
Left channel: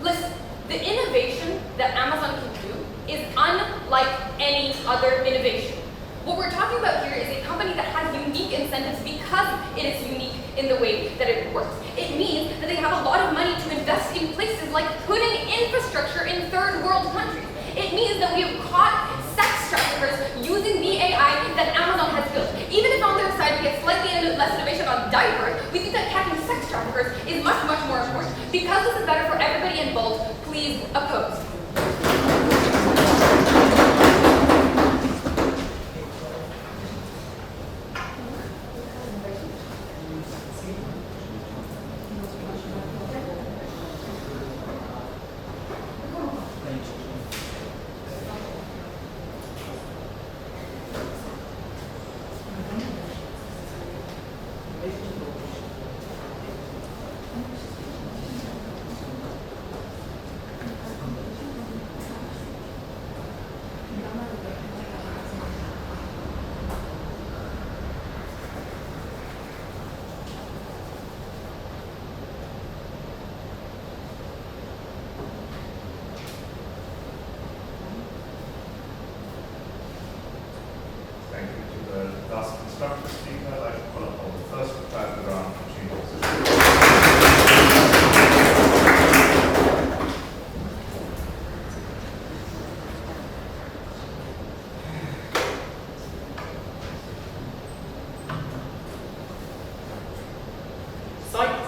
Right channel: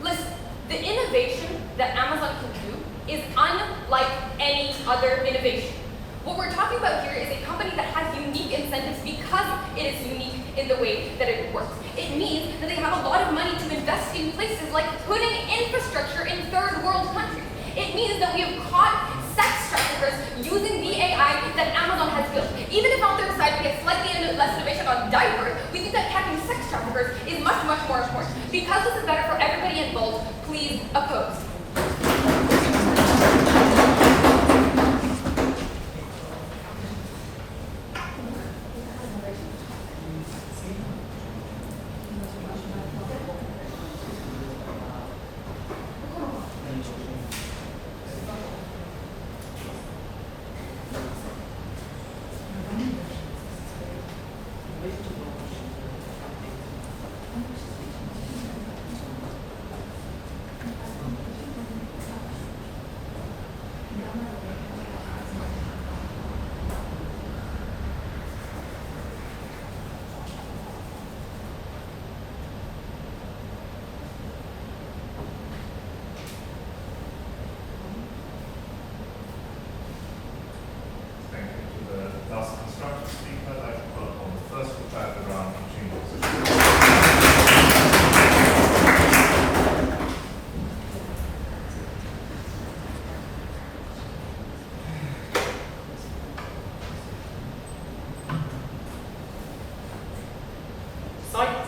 Listen, the innovation that Amazon can do is unlike any other innovation. What we're talking about here is a company that has unique incentives because it is unique in the way that it works. It means that they have a lot of money to invest in places like putting infrastructure in third world countries. It means that we have caught sex traffickers using the AI that Amazon has built. Even if on their side we get slightly less innovation on diapers, we think that catching sex traffickers is much, much more important. Because this is better for everybody involved, please oppose.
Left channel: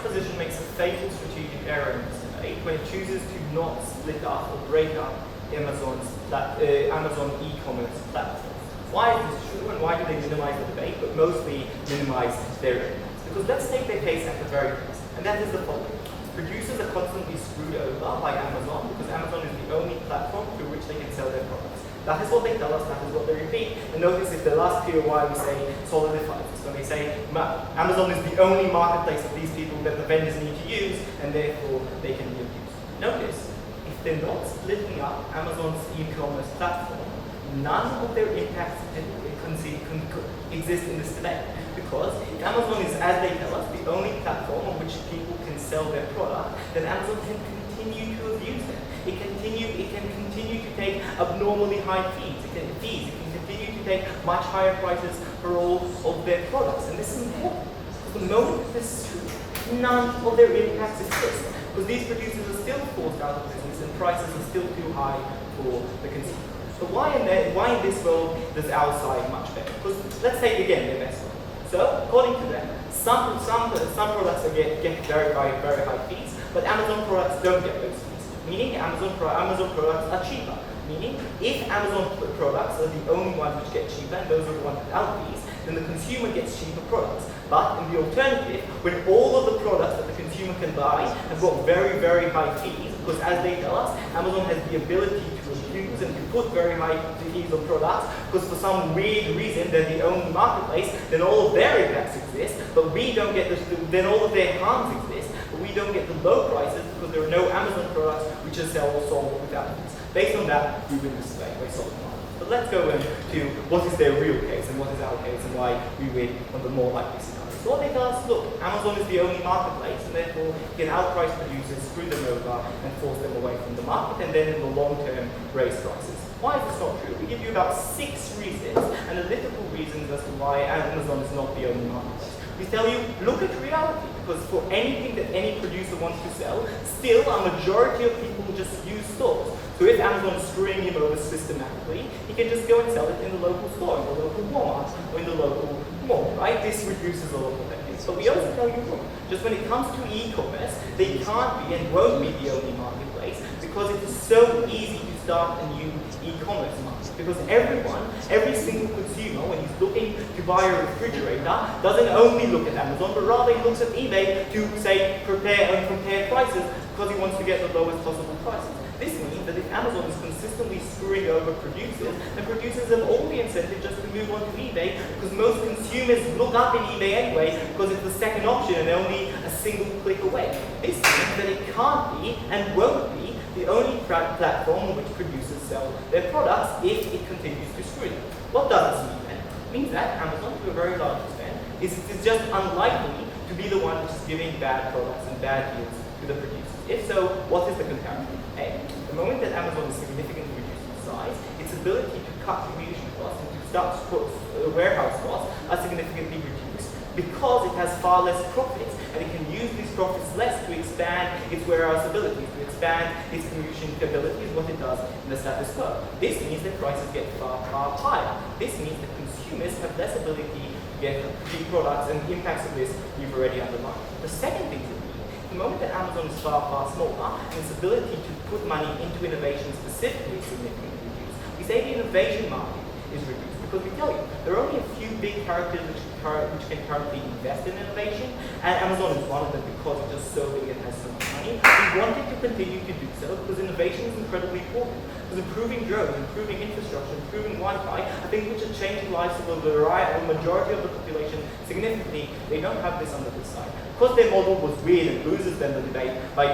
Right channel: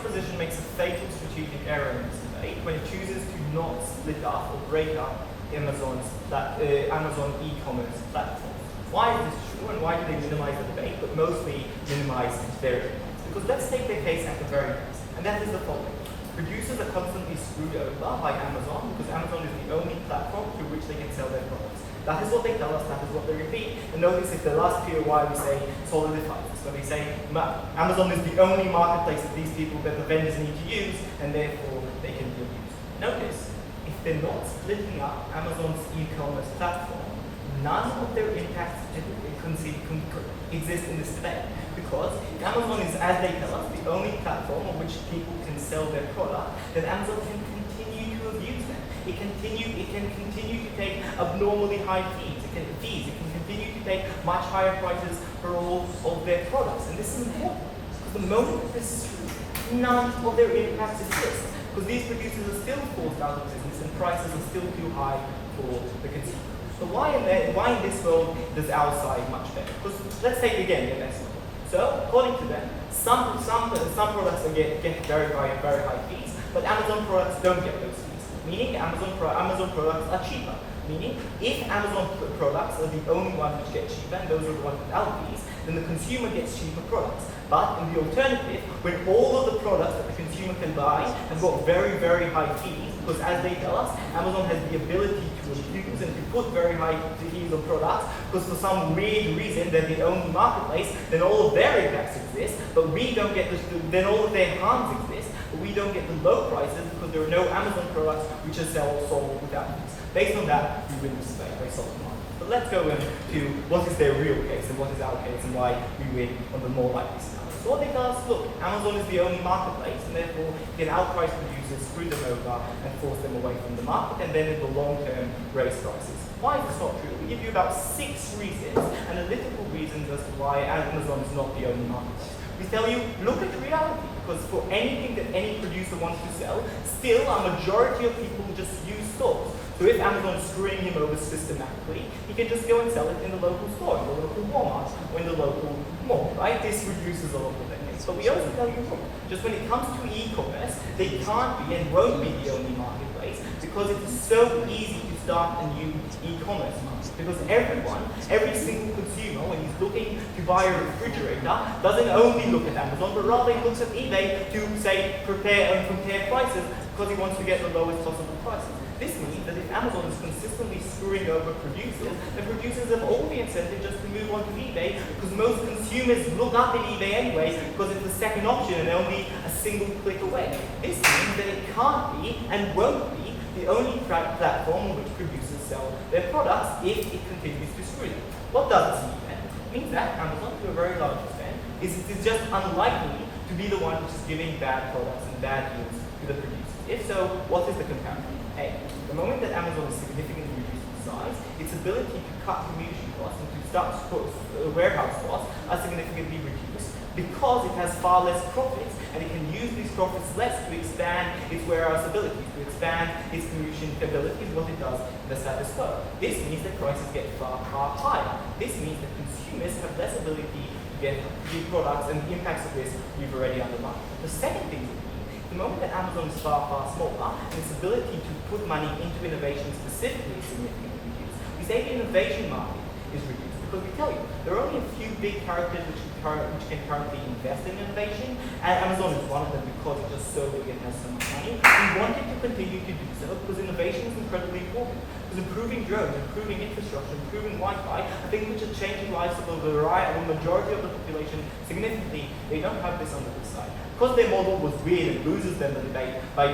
Position makes a fatal strategic error in this debate when it chooses to not split up or break up Amazon e-commerce platform. Why is this true and why do they minimize the debate but mostly minimize their impact? Because let's take their case at the very least, and that is the following. Producers are constantly screwed over by Amazon because Amazon is the only platform through which they can sell their products. That is what they tell us, that is what they repeat. And notice if the last POI we say solidifies this, when they say Amazon is the only marketplace that these people, that the vendors need to use, and therefore they can be abused. Notice, if they're not splitting up Amazon's e-commerce platform, none of their impacts exist in this debate. Because Amazon is, as they tell us, the only platform on which people can sell their product, then Amazon can continue to abuse them. It can continue to take abnormally high fees. It can continue to take much higher prices for all of their products. And this is important, because the moment this is true, none of their impacts exist. Because these producers are still forced out of business and prices are still too high for the consumer. So why in this world does our side much better? Because let's take again the best one. So according to them, some products get very high fees, but Amazon products don't get those fees. Meaning Amazon products are cheaper. Meaning if Amazon products are the only ones which get cheaper and those are the ones without fees, then the consumer gets cheaper products. But in the alternative, when all of the products that the consumer can buy have got very high fees, because as they tell us, Amazon has the ability to abuse and to put very high fees on products, because for some weird reason they're the only marketplace, then all of their impacts exist, but we don't get then all of their harms exist, but we don't get the low prices because there are no Amazon products which are sold without fees. Based on that, we win this debate by solving the market. But let's go into what is their real case and what is our case and why we win on the more likely scenario. So what they tell us, look, Amazon is the only marketplace and therefore you can outprice producers, screw them over and force them away from the market and then in the long term raise prices. Why is this not true? We give you about 6 reasons, analytical reasons as to why Amazon is not the only marketplace. We tell you, look at reality, because for anything that any producer wants to sell, still a majority of people just use stores. So if Amazon is screwing him over systematically, he can just go and sell it in the local store, in the local Walmart, or in the local mall, right? This reduces a lot of the case. But we also tell you, look, just when it comes to e-commerce, they can't be and won't be the only marketplace because it is so easy to start a new e-commerce market. Because every single consumer, when he's looking to buy a refrigerator, doesn't only look at Amazon, but rather he looks at eBay to, say, compare prices because he wants to get the lowest possible prices. This means that if Amazon is consistently screwing over producers, then producers have all the incentive just to move on to eBay because most consumers look up in eBay anyway because it's the second option and only a single click away. This means that it can't be and won't be the only platform on which producers sell their products if it continues to screw them. What does this mean then? It means that Amazon, to a very large extent, is just unlikely to be the one which is giving bad products and bad deals to the producers. If so, what is the comparison? A, the moment that Amazon is significantly reducing size, its ability to cut distribution costs and to start warehouse costs are significantly reduced because it has far less profits and it can use these profits less to expand its warehouse abilities, to expand its commission abilities, what it does in the status quo. This means that prices get far higher. This means that consumers have less ability to get the products, and the impacts of this we've already underlined. The second thing that the moment that Amazon is far smaller and its ability to put money into innovation specifically is significantly reduced, we say the innovation market is reduced because we tell you there are only a few big characters which can currently invest in innovation, and Amazon is one of them because it's just so big and has so much money. We wanted to continue to do so because innovation is incredibly important. Because improving drones, improving infrastructure, improving Wi-Fi are things which are changing lives of the majority of the population significantly. They don't have this on the other side. Because their model was weird and loses them the debate by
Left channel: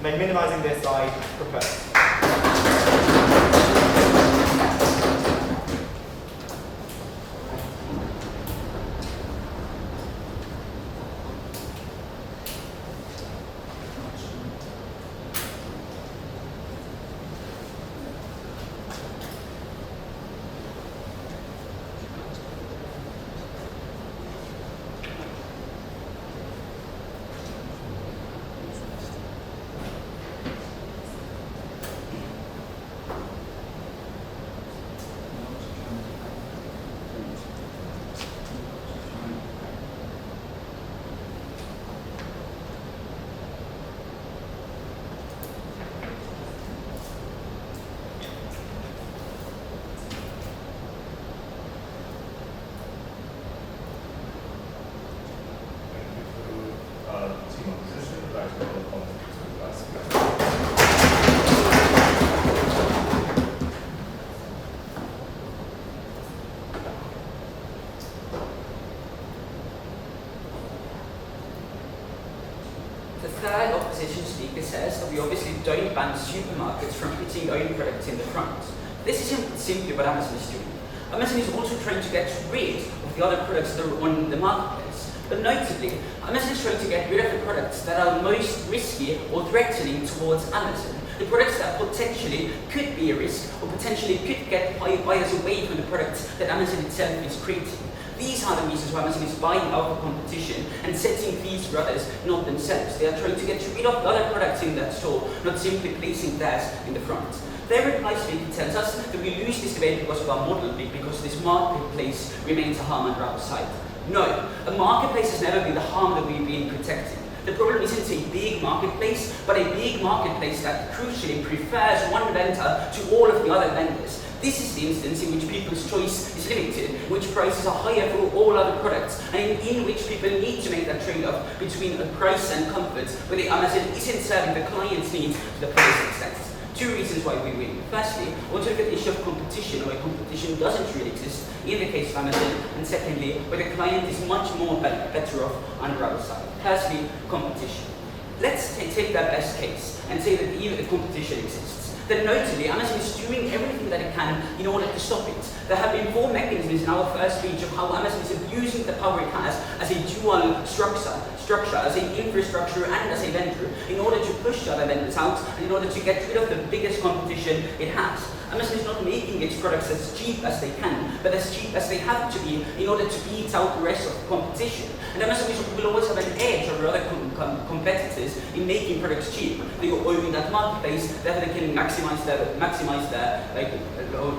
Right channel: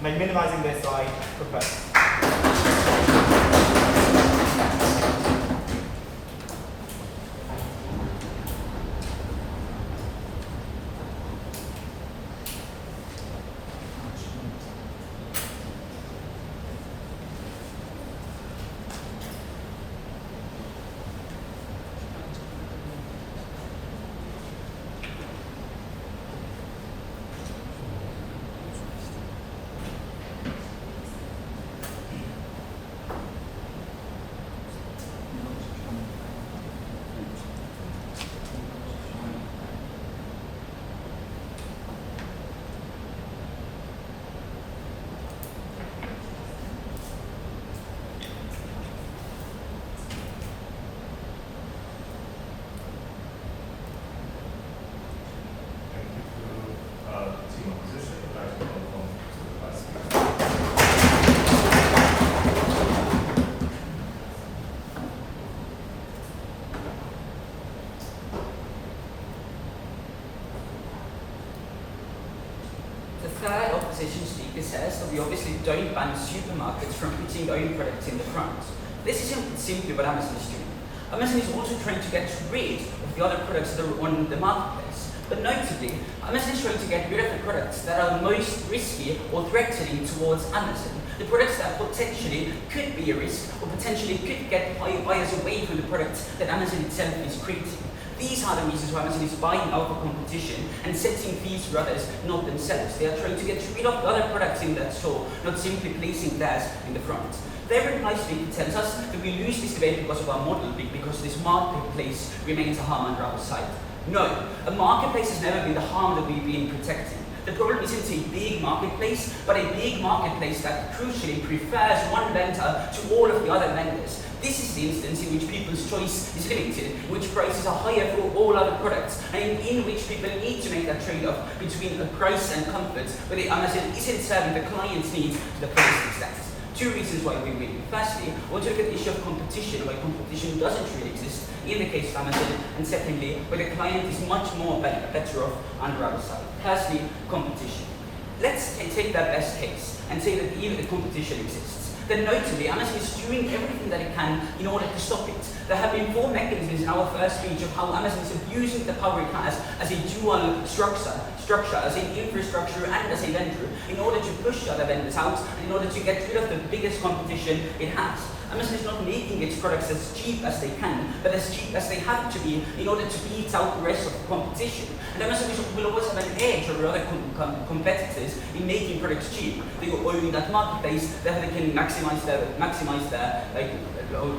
minimizing their size per person. The third opposition speaker says that we obviously don't ban supermarkets from putting their own products in the front. This isn't simply what Amazon is doing. Amazon is also trying to get rid of the other products that are on the marketplace. But notably, Amazon is trying to get rid of the products that are most risky or threatening towards Amazon. The products that potentially could be a risk or potentially could get buyers away from the products that Amazon itself is creating. These are the reasons why Amazon is buying out the competition and setting fees for others, not themselves. They are trying to get rid of the other products in that store, not simply placing theirs in the front. Their reply statement tells us that we lose this debate because of our model, because this marketplace remains a harm under our side. No, a marketplace has never been the harm that we've been protecting. The problem isn't a big marketplace, but a big marketplace that crucially prefers one vendor to all of the other vendors. This is the instance in which people's choice is limited, in which prices are higher for all other products, and in which people need to make that trade-off between a price and comfort, where the Amazon isn't serving the client's needs to the fullest extent. Two reasons why we win. Firstly, I want to look at the issue of competition, where competition doesn't really exist in the case of Amazon, and secondly, where the client is much more better off under our side. Firstly, competition. Let's take that best case and say that even the competition exists. Then notably, Amazon is doing everything that it can in order to stop it. There have been 4 mechanisms in our first speech of how Amazon is abusing the power it has as a dual structure, as an infrastructure and as a vendor, in order to push the other vendors out and in order to get rid of the biggest competition it has. Amazon is not making its products as cheap as they can, but as cheap as they have to be in order to beat out the rest of the competition. And Amazon will always have an edge over other competitors in making products cheap. They own that marketplace, therefore they can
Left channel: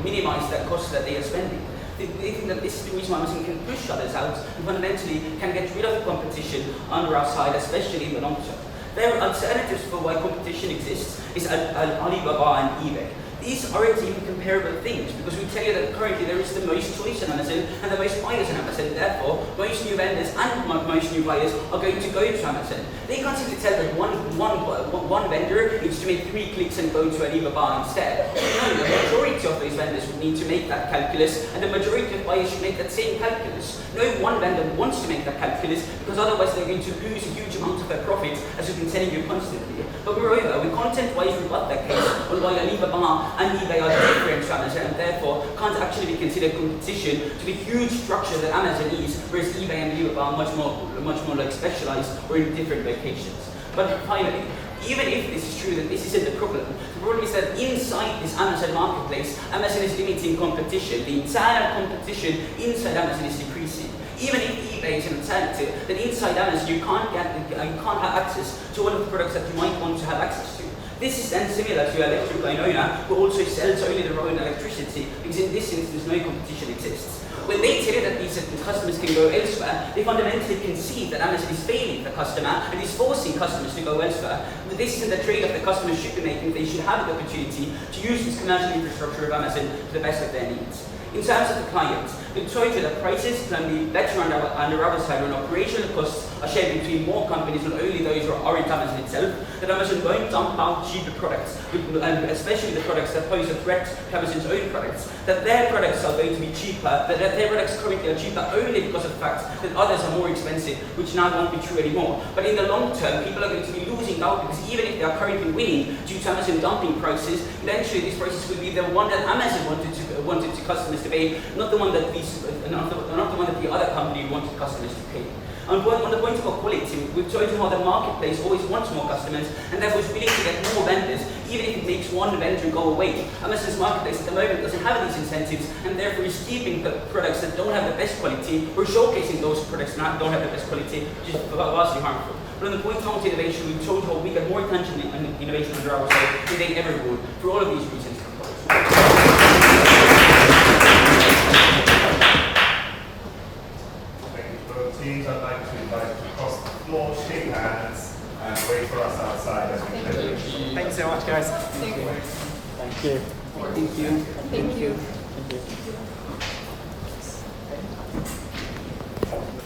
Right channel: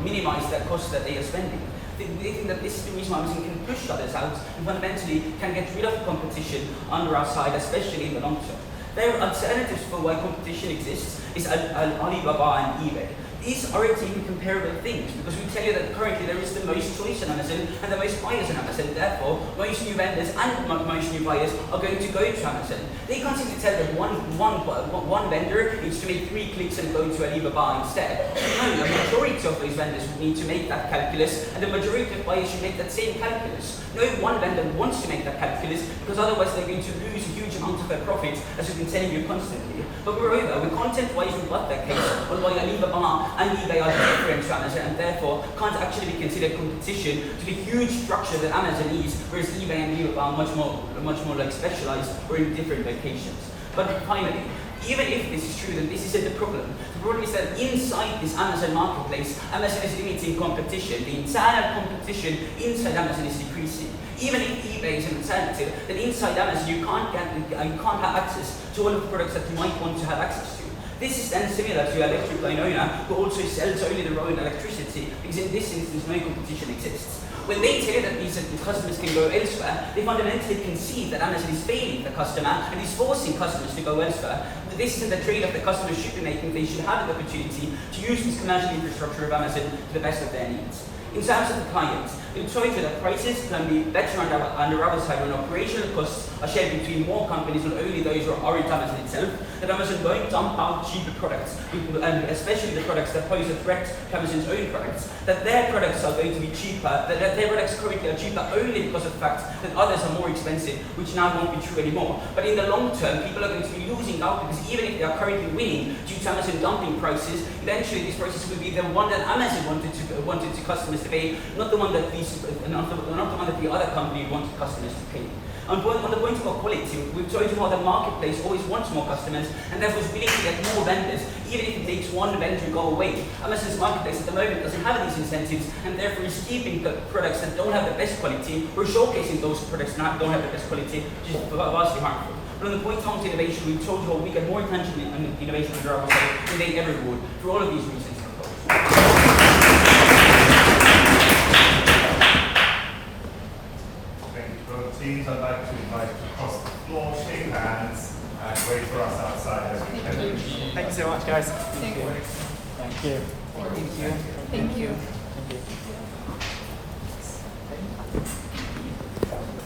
minimize the costs that they are spending. They think that this is the reason why Amazon can push others out and fundamentally can get rid of competition under our side, especially in the long term. There are alternatives for why competition exists is Alibaba and eBay. These aren't even comparable things, because we tell you that currently there is the most choice on Amazon and the most buyers on Amazon. Therefore, most new vendors and most new buyers are going to go to Amazon. They can't simply tell that one vendor needs to make 3 clicks and go to Alibaba instead. No, the majority of those vendors would need to make that calculus, and the majority of buyers should make that same calculus. No one vendor wants to make that calculus, because otherwise they're going to lose a huge amount of their profit, as we've been telling you constantly. But moreover, we content-wise rebut that case on why Alibaba and eBay are different to Amazon and therefore can't actually be considered competition to the huge structure that Amazon is, whereas eBay and Alibaba are much more like specialized or in different locations. But finally, even if this is true that this isn't the problem is that inside this Amazon marketplace, Amazon is limiting competition. The internal competition inside Amazon is decreasing. Even if eBay is an alternative, then inside Amazon you can't have access to all of the products that you might want to have access to. This is then similar to an electric line owner who also sells only their own electricity, because in this instance no competition exists. When they tell you that these customers can go elsewhere, they fundamentally concede that Amazon is failing the customer and is forcing customers to go elsewhere. But this isn't the trade-off the customers should be making. They should have the opportunity to use this commercial infrastructure of Amazon to the best of their needs. In terms of the client, we've told you that prices can be better under our side when operational costs are shared between more companies, not only those who aren't Amazon itself, that Amazon won't dump out cheaper products, especially the products that pose a threat to Amazon's own products, that their products are going to be cheaper, that their products currently are cheaper only because of the fact that others are more expensive, which now won't be true anymore. But in the long term, people are going to be losing out, because even if they are currently winning due to Amazon dumping prices, eventually these prices will be the one that Amazon wanted to customers to pay, not the one that the other company wanted customers to pay. On the point of quality, we've told you how the marketplace always wants more customers and therefore is willing to get more vendors, even if it makes one vendor go away. Amazon's marketplace at the moment doesn't have these incentives and therefore is keeping the products that don't have the best quality, or showcasing those products that don't have the best quality, which is vastly harmful. But on the point of innovation, we've told you how we get more attention and innovation under our side than they ever would, for all of these reasons. Teams, I'd like to invite you across the floor, shake hands, and wait for us outside as we finish. Thank you so much, guys. Thank you. Thank you. Thank you. Thank you.